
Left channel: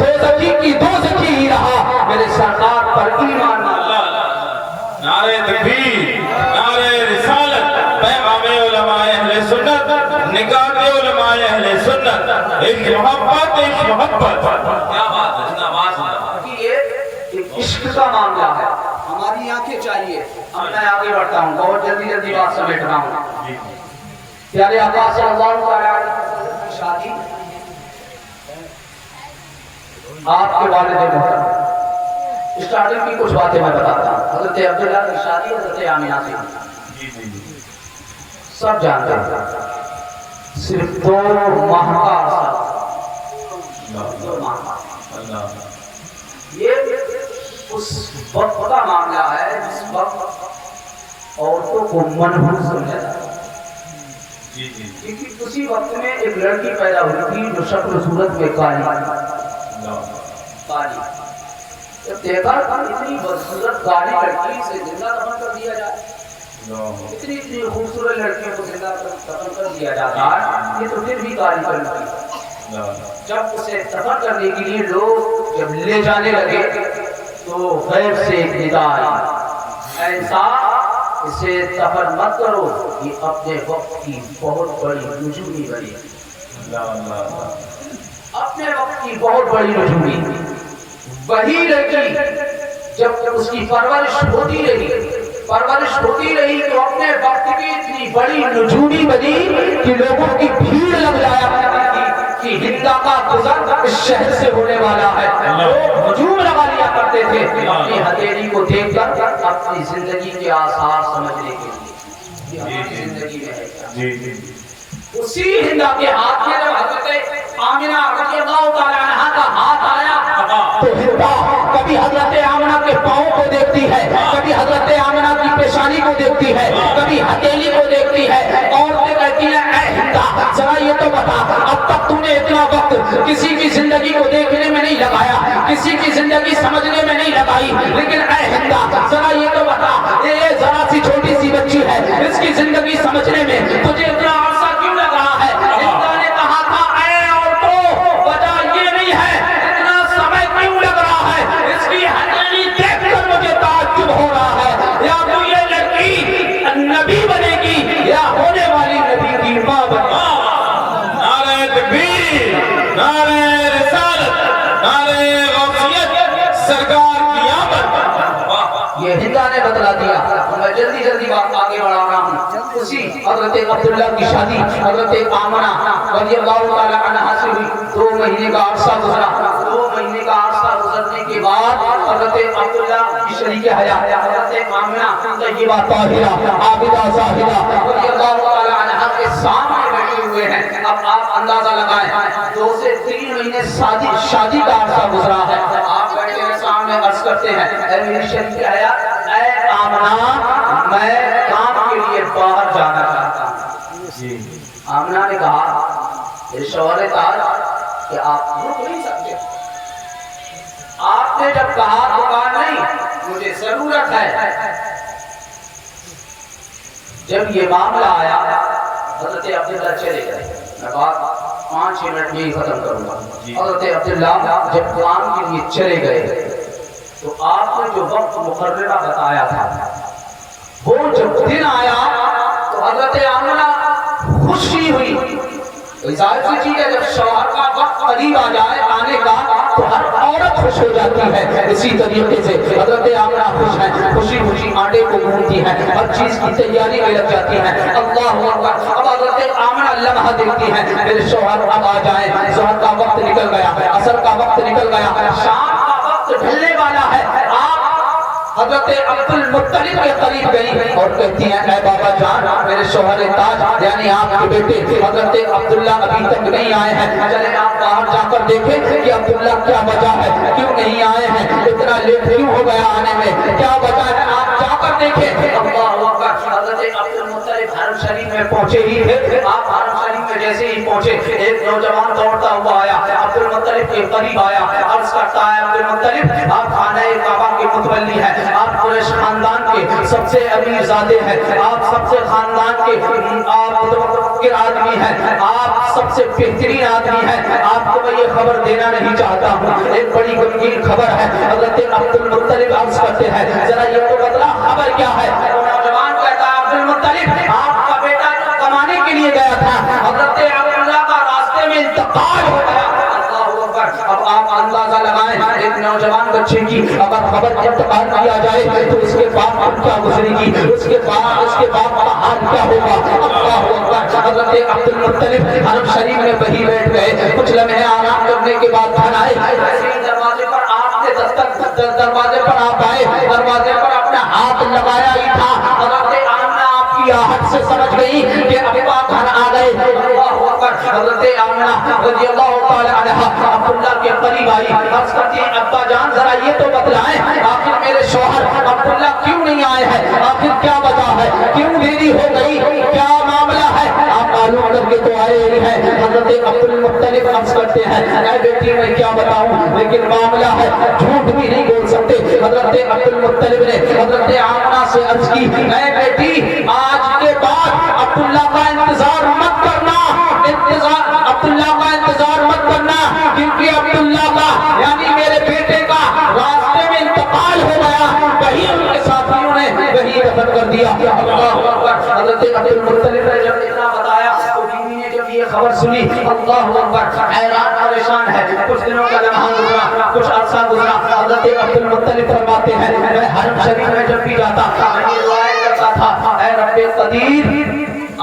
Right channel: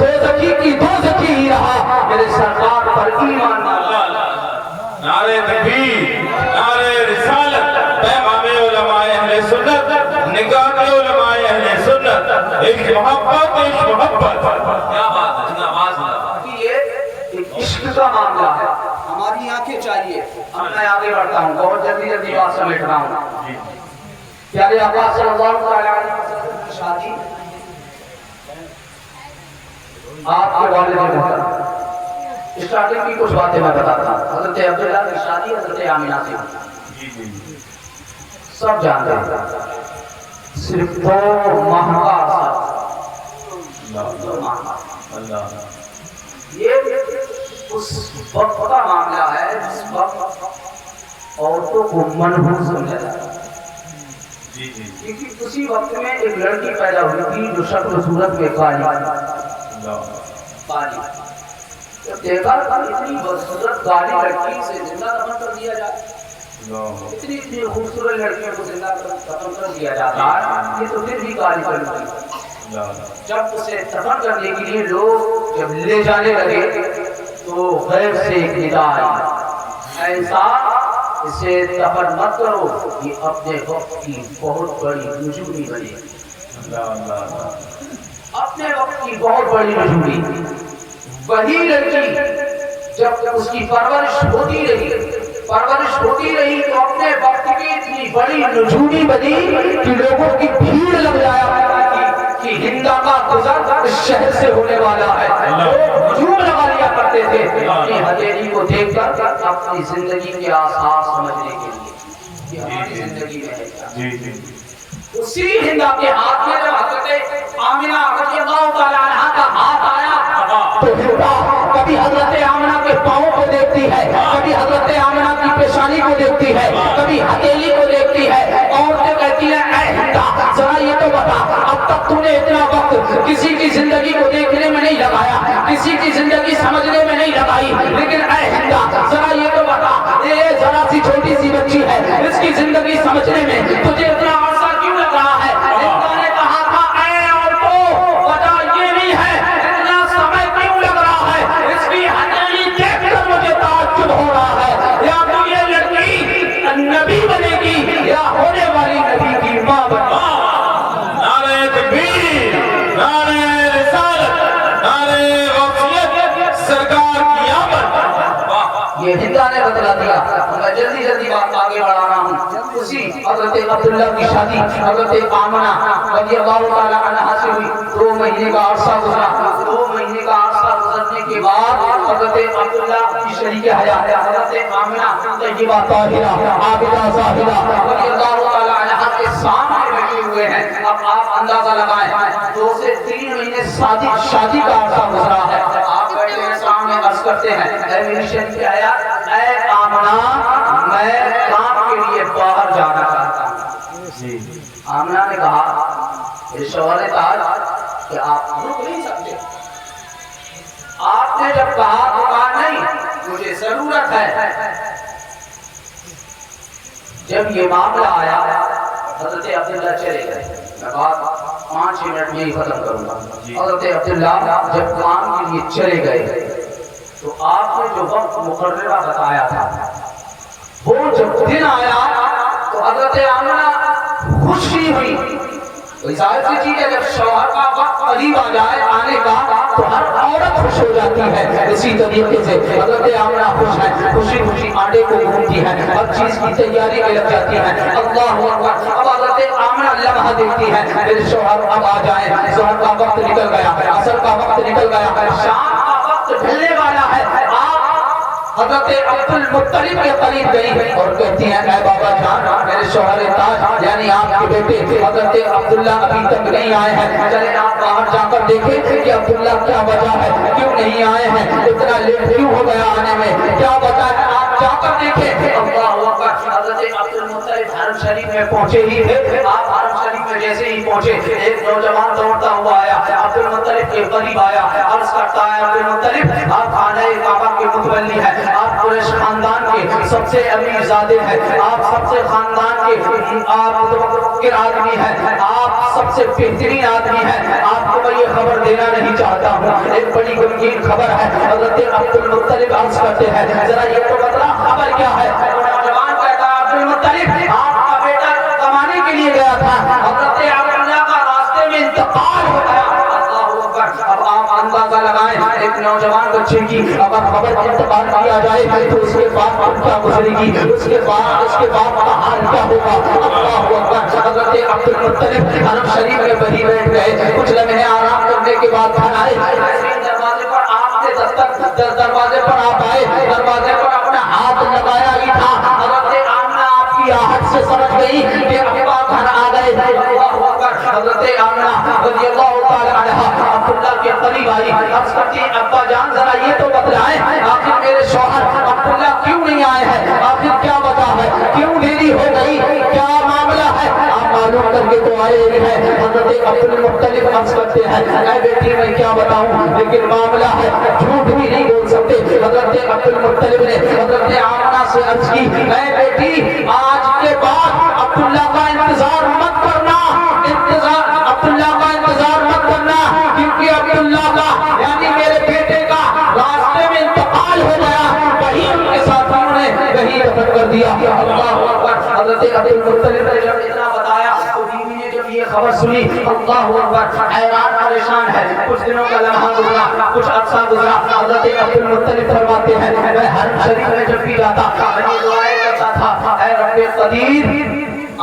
دوزخی کی دوزخی ہی رہا. میرے سرکار پر ایمان نعرہ تکبیر، نعرہ رسالت، پیغام علماء اہل سنت، نگاہ علماء اہل سنت. عشق محبت، عشق محبت. کیا بات ہے، نماز یہ عشق کا معاملہ ہے. ہماری آنکھیں چاہیے. اب میں آگے بڑھتا ہوں، بہت جلدی جلدی بات سمیٹ رہا ہوں. پیارے آقا صلی اللہ علیہ وسلم کی شادی آپ کے والد محترم. اسٹارٹنگ کی کچھ باتیں میں بتاتا ہوں. حضرت عبداللہ کی شادی حضرت آمینہ سے سب جانتے ہیں. صرف 2 ماہ کا عرصہ. 2 ماہ کا. یہ اس وقت کا معاملہ ہے جس وقت عورتوں کو منحوس سمجھا جاتا ہے. کیونکہ اسی وقت میں ایک لڑکی پیدا ہوئی تھی جو شکل و صورت میں کالی. دیکھا اتنی بدصورت کالی لڑکی سے زندہ دفن کر دیا جائے. اتنی خوبصورت لڑکیوں کو زندہ دفن کر دیا جاتا ہے. یہ تو پھر بھی کالی پر نکلی. جب اسے دفن کرنے کے لیے لوگ جب لے جانے لگے تو غیب سے ایک ندا آئی، ایسا اسے دفن مت کرو، یہ اپنے وقت کی بہت بڑی نجومی بنی. اپنے وقت کی بہت بڑی نجومی. وہی لڑکی جب اس کی پرورش ہوتی رہی تو اپنے وقت کی اتنی بڑی نجومی بنی کہ لوگوں کی بھیڑ لگ جایا کہ ہندا کا گزر اس شہر سے ہونے والا ہے. لوگ ہجوم لگا لیا کرتے تھے اپنی ہتھیلی کو دیکھ کر اپنی زندگی کے آثار سمجھنے کے لیے کہ ہماری زندگی میں ہے. اسی ہندا کے ہاتھ میں جب حضرت آمینہ رضی اللہ تعالیٰ عنہا کا ہاتھ آیا تو ہندا کبھی حضرت آمینہ کے پاؤں کو دیکھتی ہے، کبھی حضرت آمینہ کی پیشانی کو دیکھتی ہے، کبھی ہتھیلی کو دیکھتی ہے. عورتیں کہتی ہیں اے ہندا ذرا یہ تو بتا، اب تک تو نے اتنا وقت کسی کی زندگی کو دیکھنے میں نہیں لگایا، کسی کی زندگی سمجھنے میں نہیں لگائی، لیکن اے ہندا ذرا یہ تو بتا، یہ ذرا سی چھوٹی سی بچی ہے، اس کی زندگی سمجھنے میں تجھے اتنا عرصہ کیوں لگ رہا ہے؟ ہندا نے کہا تھا اے عورتوں وجہ یہ نہیں ہے اتنا سمے کیوں لگ رہا ہے، اس کی ہتھیلی دیکھ کر مجھے تعجب ہو رہا ہے. یا تو یہ لڑکی نبی بنے گی یا ہونے والی نبی کی ماں بنے گی. نعرہ تکبیر، نعرہ رسالت، نعرہ غوثیت، سرکار کی آمد. یہ ہندا نے بتلا دیا. میں جلدی جلدی بات آگے بڑھا رہا ہوں. اسی حضرت عبداللہ کی شادی حضرت آمنہ رضی اللہ تعالیٰ عنہا سے ہوئی. 2 مہینے کا عرصہ گزرا. 2 مہینے کا عرصہ گزرنے کے بعد حضرت عبداللہ کی شریک حیات حضرت آمنہ طیبہ طاہرہ عابدہ زاہدہ رضی اللہ تعالیٰ عنہا کے سامنے بیٹھے ہوئے ہیں. اب آپ اندازہ لگائیں 2 سے 3 مہینے شادی کا عرصہ گزرا ہے. آپ بیٹھے ہیں سامنے عرض کرتے ہیں اے میری شریک حیات اے آمنہ میں کام کے لیے باہر جانا چاہتا ہوں. آمنہ نے کہا اے شوہر تاج کہ آپ رک نہیں سکتے. آپ نے جب کہا تو کہا نہیں مجھے ضرورت ہے. جب یہ معاملہ آیا حضرت عبداللہ چلے گئے. میں بات 5 منٹ میں ہی ختم کروں گا. حضرت عبداللہ جب کام کے لیے چلے گئے تو آپ نے جو وقت مقررہ بتایا تھا وہ جب دن آیا تو حضرت آمنہ خوشی ہوئی. ظاہر سی چیز ہے جب شوہر کا وقت قریب آ جائے آنے کا تو ہر عورت خوش ہو جاتی ہے. اسی طریقے سے حضرت آمنہ خوش ہے. خوشی خوشی آٹے کو گھونتی ہے، ہر چیز کی تیاری میں لگ جاتی ہے. اللہ اکبر. اب حضرت آمنہ لمحہ دیکھتی ہے میرے شوہر اب آ جائیں. ظہر کا وقت نکل گیا، عصر کا وقت نکل گیا، شام کا وقت ڈھلنے والا ہے. آپ حضرت عبد المطلب کے قریب گئی اور کہتی ہیں اے بابا جان میرے شوہر تاج یعنی آپ کے بیٹے حضرت عبداللہ ابھی تک نہیں آئے ہیں، چلے آپ باہر جا کر دیکھیں کہ عبداللہ کیا وجہ ہے، کیوں نہیں آئے ہیں، اتنا لیٹ کیوں ہو گیا آنے میں، کیا وجہ ہے، آپ جا کر دیکھیں۔ اللہ اکبر، حضرت عبد المطلب حرم شریف میں پہنچے ہی تھے، آپ حرم شریف میں جیسے ہی پہنچے ایک نوجوان دوڑتا ہوا آیا، عبد المطلب کے قریب آیا، عرض کرتا ہے عبد المطلب آپ خانہ کعبہ کے متولی ہیں، آپ قریش خاندان کے سب سے امیر زادے ہیں، آپ سب سے خاندان کے آپ متوقع آدمی ہیں، آپ سب سے بہترین آدمی ہیں، آپ کو میں یہ خبر دینا نہیں چاہتا ہوں، ایک بڑی غمگین خبر ہے۔ حضرت عبد المطلب عرض کرتے ہیں ذرا یہ تو بتلا خبر کیا ہے؟ نوجوان کہتا ہے عبد المطلب آپ کا بیٹا کمانے کے لیے گیا تھا، حضرت عبداللہ کا راستے میں انتقال ہو گیا۔ اب آپ اندازہ لگائیں ایک نوجوان بچے کی اگر خبر انتقال کیا جائے تو اس کے باپ پر کیا گزرے گی، اس کے باپ کا حال کیا ہوگا۔ اللہ اکبر، حضرت عبد المطلب حرم شریف میں وہیں بیٹھ گئے، کچھ لمحے آرام کرنے کے بعد گھر آئے، دروازے پر آپ کے دروازے پر آپ آئے، دروازے پر اپنا ہاتھ لگایا ہی تھا، حضرت آمنہ آپ کی آہٹ سے سمجھ گئی کہ ابا گھر آ گئے۔ اللہ اکبر، حضرت آمنہ رضی اللہ تعالی عنہا عبداللہ کے قریب آئی، عرض کرتی ابا جان ذرا یہ تو بتلائیں آخر میرے شوہر عبداللہ کیوں نہیں آئے ہیں، آخر کیا وجہ ہے، کیوں دیری ہو گئی، کیا معاملہ ہے، آپ معلوم کر کے تو آئے ہی ہیں۔ حضرت عبد المطلب عرض کرتے ہیں اے بیٹی میں کیا بتاؤں لیکن معاملہ ہے جھوٹ بھی نہیں بول سکتے۔ حضرت عبد المطلب نے حضرت آمنہ سے عرض کی اے بیٹی آج کے بعد عبداللہ کا انتظار مت کرنا، عبداللہ کا انتظار مت کرنا کیونکہ عبداللہ کا یعنی میرے بیٹے کا راستے میں انتقال ہو گیا، وہی ان کے ساتھیوں نے وہی دفن کر دیا۔ اللہ اکبر، حضرت عبد المطلب نے جب اتنا بتایا تو بیوی نے جب یہ خبر سنی اللہ اکبر حیران پریشان ہے، کچھ دنوں کا لمحہ گزرا، کچھ عرصہ گزرا، حضرت عبد المطلب فرماتے ہیں میں حرم شریف میں جب بھی جاتا تھا یہ دعائیں کرتا تھا اے رب قدیر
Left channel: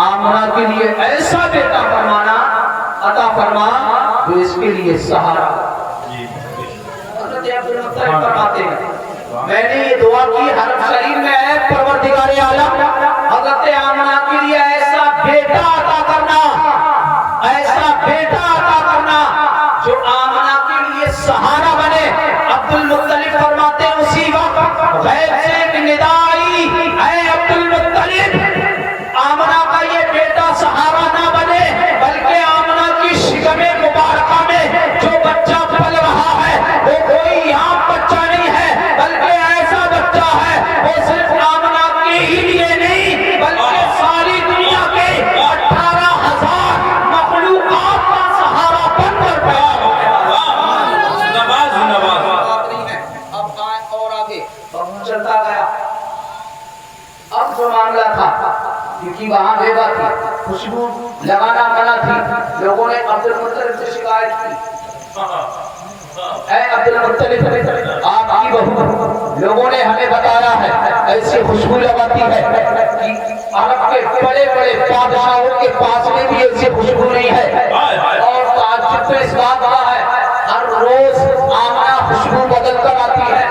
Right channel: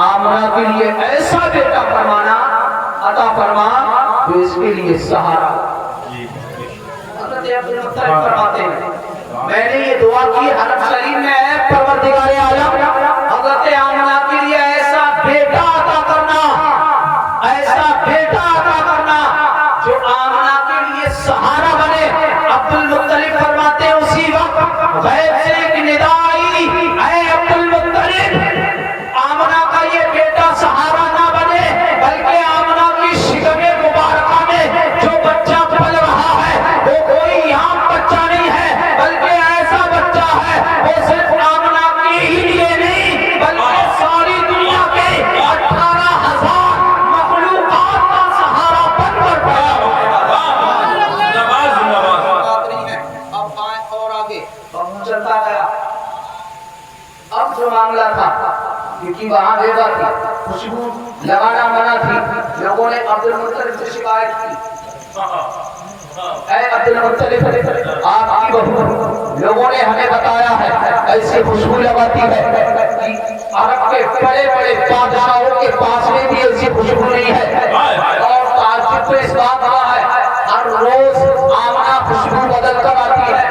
آمنہ کے لیے ایسا بیٹا فرمانا عطا فرما جو اس کے لیے سہارا۔ حضرت عبد المطلب فرماتے ہیں میں نے یہ دعا کی حرم شریف میں اے پروردگار عالم حضرت آمنہ کے لیے ایسا بیٹا عطا کرنا، ایسا بیٹا عطا کرنا جو آمنہ کے لیے سہارا بنے۔ عبد المطلب فرماتے ہیں اسی وقت غیب سے ایک ندا آئی اے عبد المطلب آمنہ کا یہ بیٹا سہارا نہ بنے بلکہ آمنہ کی شکم مبارکہ میں جو بچہ پل رہا ہے وہ کوئی عام بچہ نہیں ہے بلکہ ایسا بچہ ہے وہ صرف آمنہ کے ہی لیے نہیں بلکہ ساری دنیا کے 18,000 مخلوقات کا سہارا بن کر پیدا ہوگا۔ اب آئے اور آگے چلتا گیا۔ اب جو معاملہ تھا کیونکہ وہاں بیوہ تھی، خوشبو لگانا منع تھی، لوگوں نے عبد المطلب سے شکایت کی اے عبد المطلب آپ کی بہو لوگوں نے ہمیں بتایا ہے ایسی خوشبو لگاتی ہے کہ عرب کے بڑے بڑے بادشاہوں کے پاس میں بھی ایسی خوشبو نہیں ہے، اور تعجب تو اس بات کا ہے ہر روز آمنہ خوشبو بدل کر آتی ہے۔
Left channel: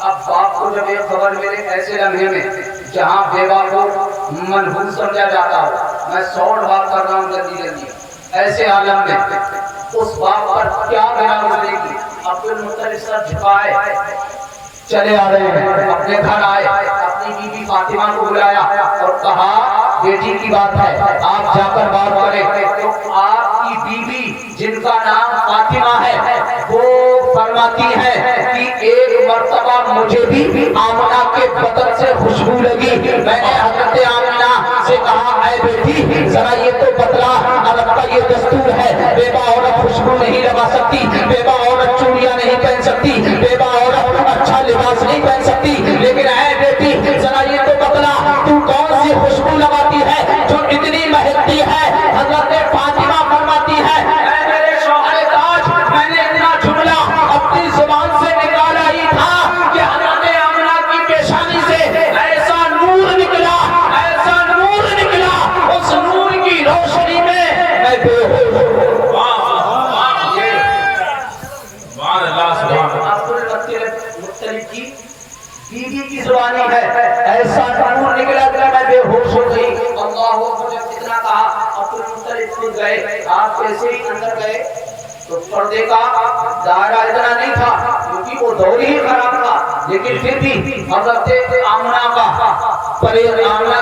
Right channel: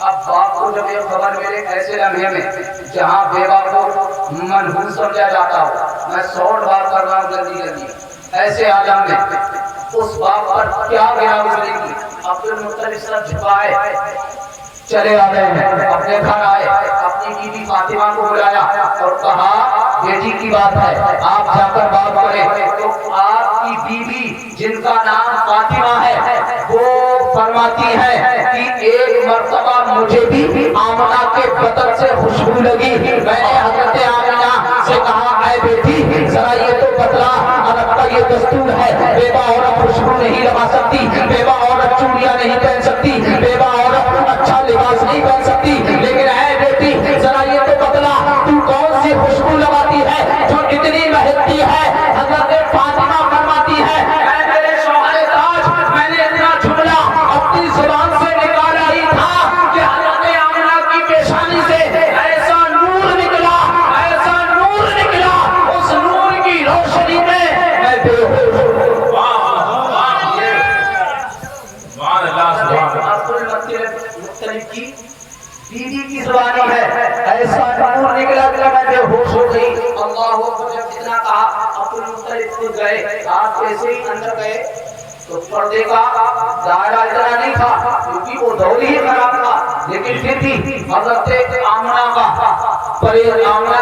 اب باپ کو جب یہ خبر ملے ایسے لمحے میں جہاں بیوہ کو منحوس سمجھا جاتا ہو، میں 100 بار کر رہا ہوں جلدی جلدی، ایسے عالم میں اس باپ پر کیا گرا گزرے گی۔ عبد المطلب سر جھکائے چلے آ رہے ہیں، اپنے گھر آئے، اپنی بیوی فاطمہ کو بلایا اور کہا بیٹی کی بات ہے آپ جا کر بات کریں۔ تو آپ کی بیوی جن کا نام فاطمہ ہے وہ فرماتی ہے کہ ایک مرتبہ مجھے بھی آمنہ کے بدن سے خوشبو لگی، میں نے حضرت آمنہ سے کہا اے بیٹی ذرا یہ تو بتلا عرب کا یہ دستور ہے بیوہ عورت خوشبو نہیں لگا سکتی، بیوہ عورت چوڑیاں نہیں پہن سکتی، بیوہ عورت اچھا لباس نہیں پہن سکتی، لیکن اے بیٹی ذرا یہ تو بتلا تو کون سی خوشبو لگاتی ہے جو اتنی مہکتی ہے؟ حضرت فاطمہ فرماتی ہے اے میرے شوہر تاج میں نے اتنا جملہ اپنی زبان سے نکالا ہی تھا کہ حضرت آمنہ کی پیشانی سے ایسا نور نکلا، ایسا نور نکلا، اس نور کی روشنی میں میں بے ہوش ہو گئی۔ عبد المطلب کی ऐसा नूर निकला कि मैं बेहोश हो गई। अल्लाह अकबर, जब इतना कहा अब्दुल मुत्तलिब खुद गए, आप जैसे ही अंदर गए तो पर्दे का दायरा इतना नहीं था क्योंकि वो दौर ही खराब था, लेकिन फिर भी हजरत आमना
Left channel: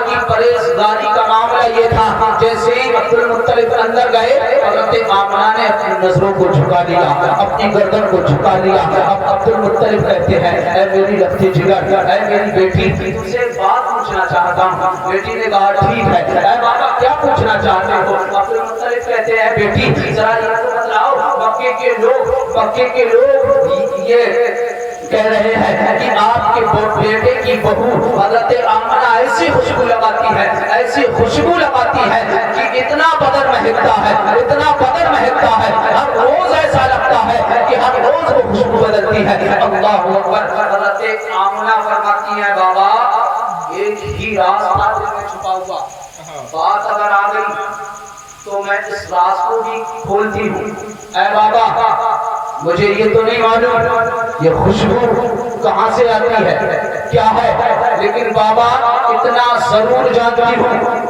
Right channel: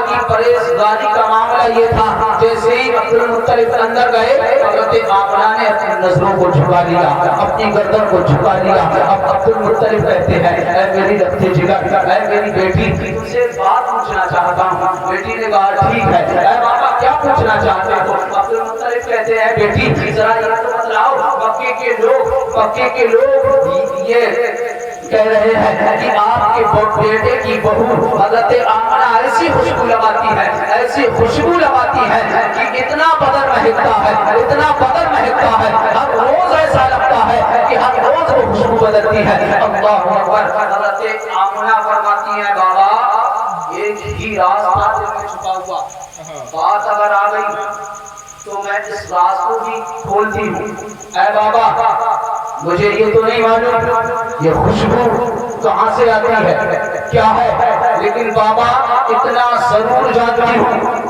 की परहेजगारी का मामला ये था। जैसे ही अब्दुल मुत्तलिब अंदर गए, हजरत आमना ने अपनी नजरों को झुका लिया, अपनी गर्दन को झुका लिया। अब अब्दुल मुत्तलिब कहते हैं, ऐ मेरी रखती जिगर, ऐ मेरी बेटी, तुमसे एक बात पूछना चाहता हूँ। बेटी ने कहा ठीक है। ऐ बाबा क्या पूछना चाहते हो? अब्दुल मुत्तलिब कहते हैं, बेटी जरा ये तो बतलाओ, मक्के के लोग ये कह रहे हैं कि आपके बेटे की बहू हजरत आमना ऐसी खुशबू लगाती है कि इतना बदन महकता है, हर रोज ऐसा लगता है कि हर रोज वो खुशबू बदलती है। अल्लाह अकबर। हजरत आमना फरमाती है, बाबा एक ही राज था दिल में छुपा हुआ, बात अगर आ गई तो मैं इस राज को भी खोलती हूँ। ऐ बाबा मुझे ये तो नहीं मालूम ये खुशबू कहाँ से आती है, क्या है, लेकिन बाबा इतना जरूर जानती हूँ,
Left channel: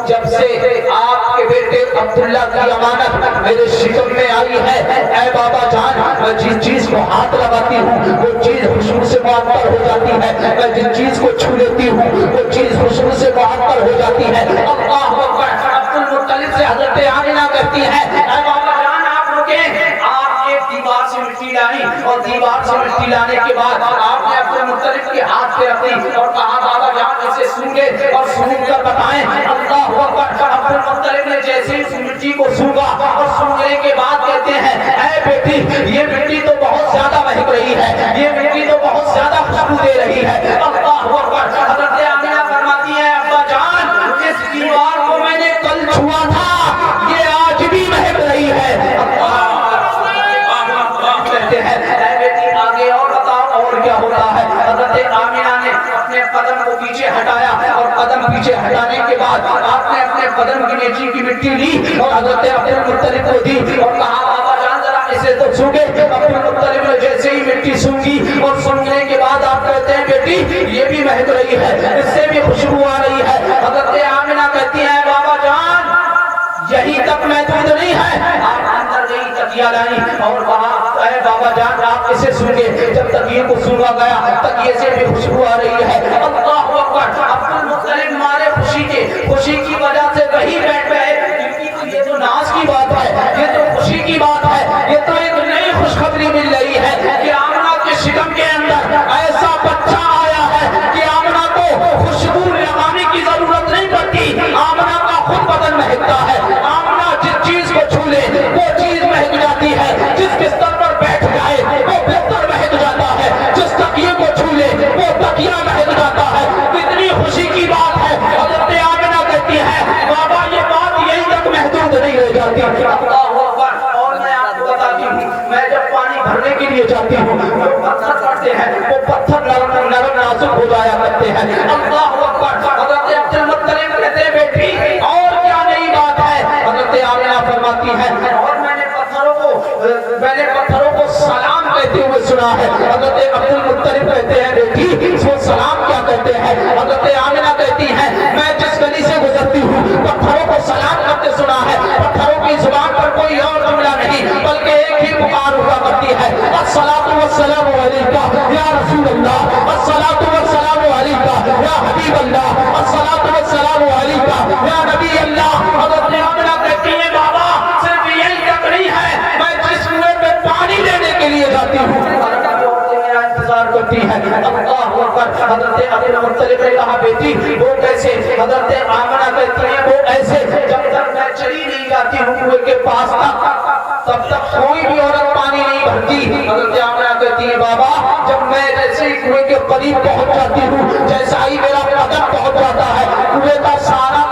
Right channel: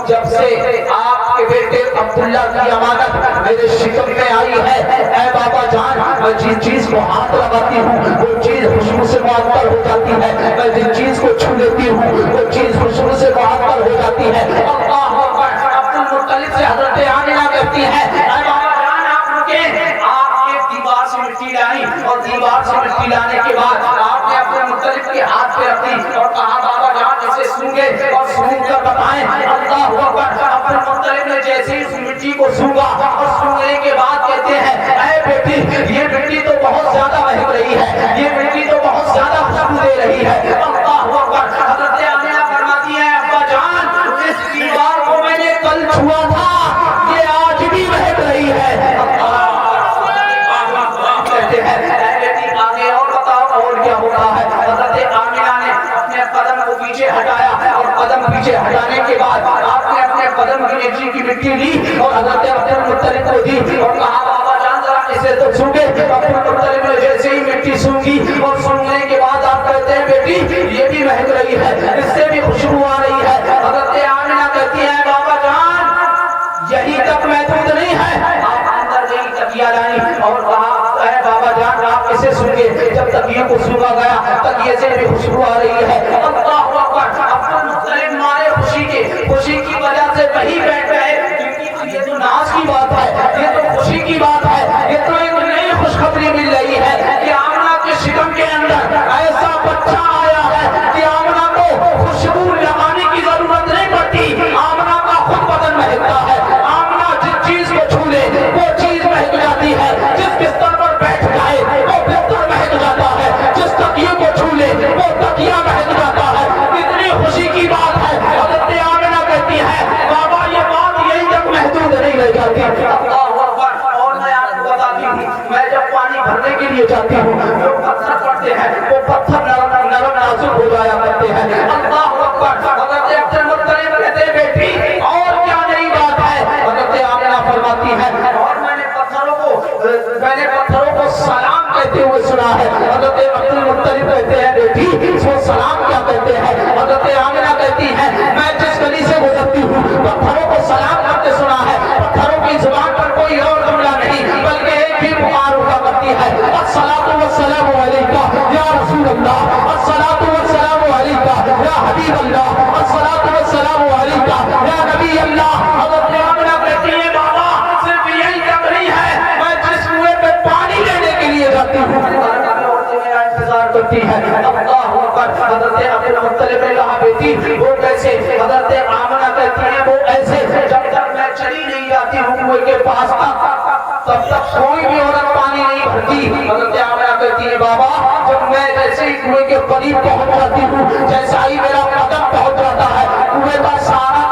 जब से आपके बेटे अब्दुल्ला की अमानत मेरे शिकम में आई है, ऐ बाबा जान, मैं जिस चीज को हाथ लगाती हूँ वो चीज खुशबू से मुअत्तर हो जाती है, मैं जिस चीज को छू लेती हूँ वो चीज खुशबू से मुअत्तर हो जाती है। अल्लाह अकबर। अब्दुल मुत्तलिब से हजरत आमिना कहती है, ऐ बाबा जान आप रुके। आप एक दीवार से मिट्टी लाई और दीवार से मिट्टी लाने के बाद आपने अब्दुल मुत्तलिब के हाथ पे रखी और कहा, बाबा जान इसे सूंघे और सूंघ कर बताएं। अल्लाह अकबर। अब्दुल मुत्तलिब ने जैसे ही उस मिट्टी को सूंघा और सूंघने के बाद कहते हैं, ऐ बेटी ये मिट्टी तो बहुत ज्यादा महक रही है, ये मिट्टी तो बहुत ज्यादा खुशबू दे रही है। अल्लाह अकबर। हजरत आमिना फरमाती है, अब्बा जान इस दीवार को मैंने कल छुआ था, ये आज भी महक रही है। कहते हैं, बेटी आगे और बताओ और क्या होता है। हजरत आमिना ने अपने कदम को पीछे हटाया और कदम पीछे हटाने के बाद आपने अपने कदम की नीचे की मिट्टी ली और हजरत अब्दुल मुत्तलिब को दी और कहा, बाबा जान जरा इसे तो सूंघे। अब्दुल मुत्तलिब ने जैसे ही मिट्टी सूंघी और सूंघने के बाद आप कहते हैं, बेटी ये भी महक रही है, इससे भी खुशबू आ रही है। हजरत आमिना कहती है, बाबा जान यही तक महदूद नहीं है, आप अंदर गई तकिया लाई और कहा, बाबा जान आप इसे सूंघे। जब तकिए को सूंघा गया, तकिए से भी खुशबू आ रही है। अल्लाह अकबर। अब्दुल मुत्तलिब मारे खुशी की वजह से वही बैठ गए, क्योंकि ये तो नाज की बात है, ये तो खुशी की बात है, ये तो एक नई खुशखबरी मिल रही है कि आमना के शिकम के अंदर ऐसा बच्चा आया है कि आमना को खुशबू लगाने की जरूरत नहीं पड़ती, आमना का खुद बदन महकता है। आमना जिस चीज को छू ले वो चीज महक जाती है, जिस बिस्तर पर बैठ जाए वो बिस्तर महक जाता है, जिस तकिए को छू ले वो तकिया महक जाता है। कितनी खुशी की बात है। हजरत आमिना कहती है, बाबा ये बात यही तक महदूद नहीं रह जाती। अल्लाह अकबर। और मैं आपको बताती हूँ, मैं जब पानी भरने के लिए जाती हूँ जो पत्थर पड़ते हैं वो पत्थर नरम नाजुक हो जाया करते हैं। अल्लाह अकबर। हजरत अब्दुल मुत्तलिब कहते हैं, बेटी और क्या नई बात है। हजरत आमिना फरमाती है, और मैंने पत्थरों को सलाम कहते हुए सुना है। हजरत अब्दुल मुत्तलिब कहते हैं, बेटी वो सलाम क्या कहते हैं। हजरत आमिना कहती है, मैं जिस गली से गुजरती हूँ पत्थरों को सलाम करते सुना है। पत्थरों की जुबान पर कोई और जुमला नहीं बल्कि एक ही पुकार हुआ करती है, अस्सलातु वस्सलामु अलैका या रसूल अल्लाह, अस्सलातु वस्सलामु अलैका या हबीब अल्लाह, अस्सलातु वस्सलामु अलैका या नबी अल्लाह। हजरत आमिना कहती है, बाबा सिर्फ यही तक नहीं है, मैं जिस कुएं में पानी लेने के लिए जाती हूँ मेरा इंतजार करती है। अल्लाह अकबर। हजरत अब्दुल मुत्तलिब ने कहा, बेटी वो कैसे। हजरत आमिना कहती है, वो ऐसे जब तक मैं चली नहीं जाती हूँ कुएं के पास तब तक कोई भी औरत पानी नहीं भरती। हजरत आमिना कहती है, बाबा जब मैं जैसे ही कुएं के करीब पहुंच जाती हूँ, जैसा ही मेरा कदम पहुंच जाता है कुएं का सारा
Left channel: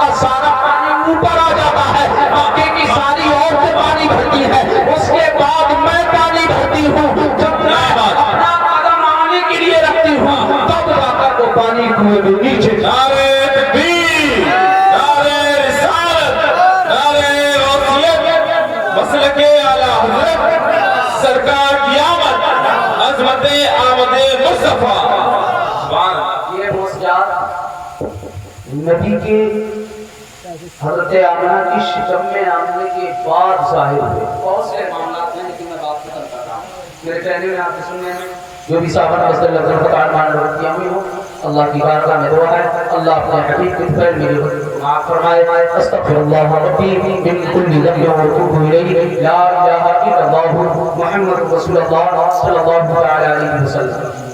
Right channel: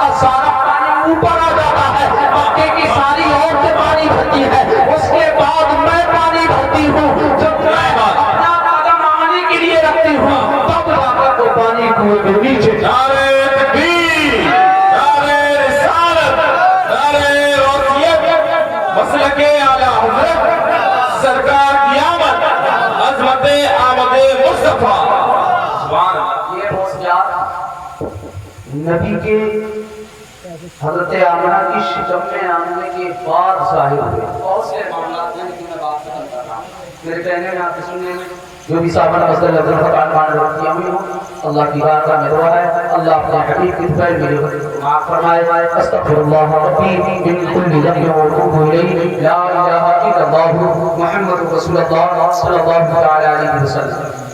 पानी ऊपर आ जाता है, मक्के की सारी औरतें पानी भरती है, उसके बाद मैं पानी भरती हूँ। जब मैं अपना कदम आने के लिए रखती हूँ तब जाकर वो पानी कुएं में नीचे। नारे तकबीर, नारे रिसालत, नारे गौसियत, मसलके आला हज़रत, सरकार की आमद, अज़मत आमद मुस्तफा। ये होशियार نبی کے حضرت آمنہ کی شکم میں آنے کے بعد ظاہر ہوئے. بہت سے معاملات ہیں لیکن میں بات ختم کر رہا ہوں. میرے کہنے میں آپ کے سننے میں جو بھی صاحب نے صلی اللہ علیہ وسلم کیا ہوئی ہو اللہ کی بارگاہ میں دعا ہے اللہ اپنے حقیق کی خیر میری معاف فرمائے. استغفر اللہ ربی من کل ذنب واتوب الیہ لا الہ الا اللہ محمد رسول اللہ صلی اللہ علیہ وسلم.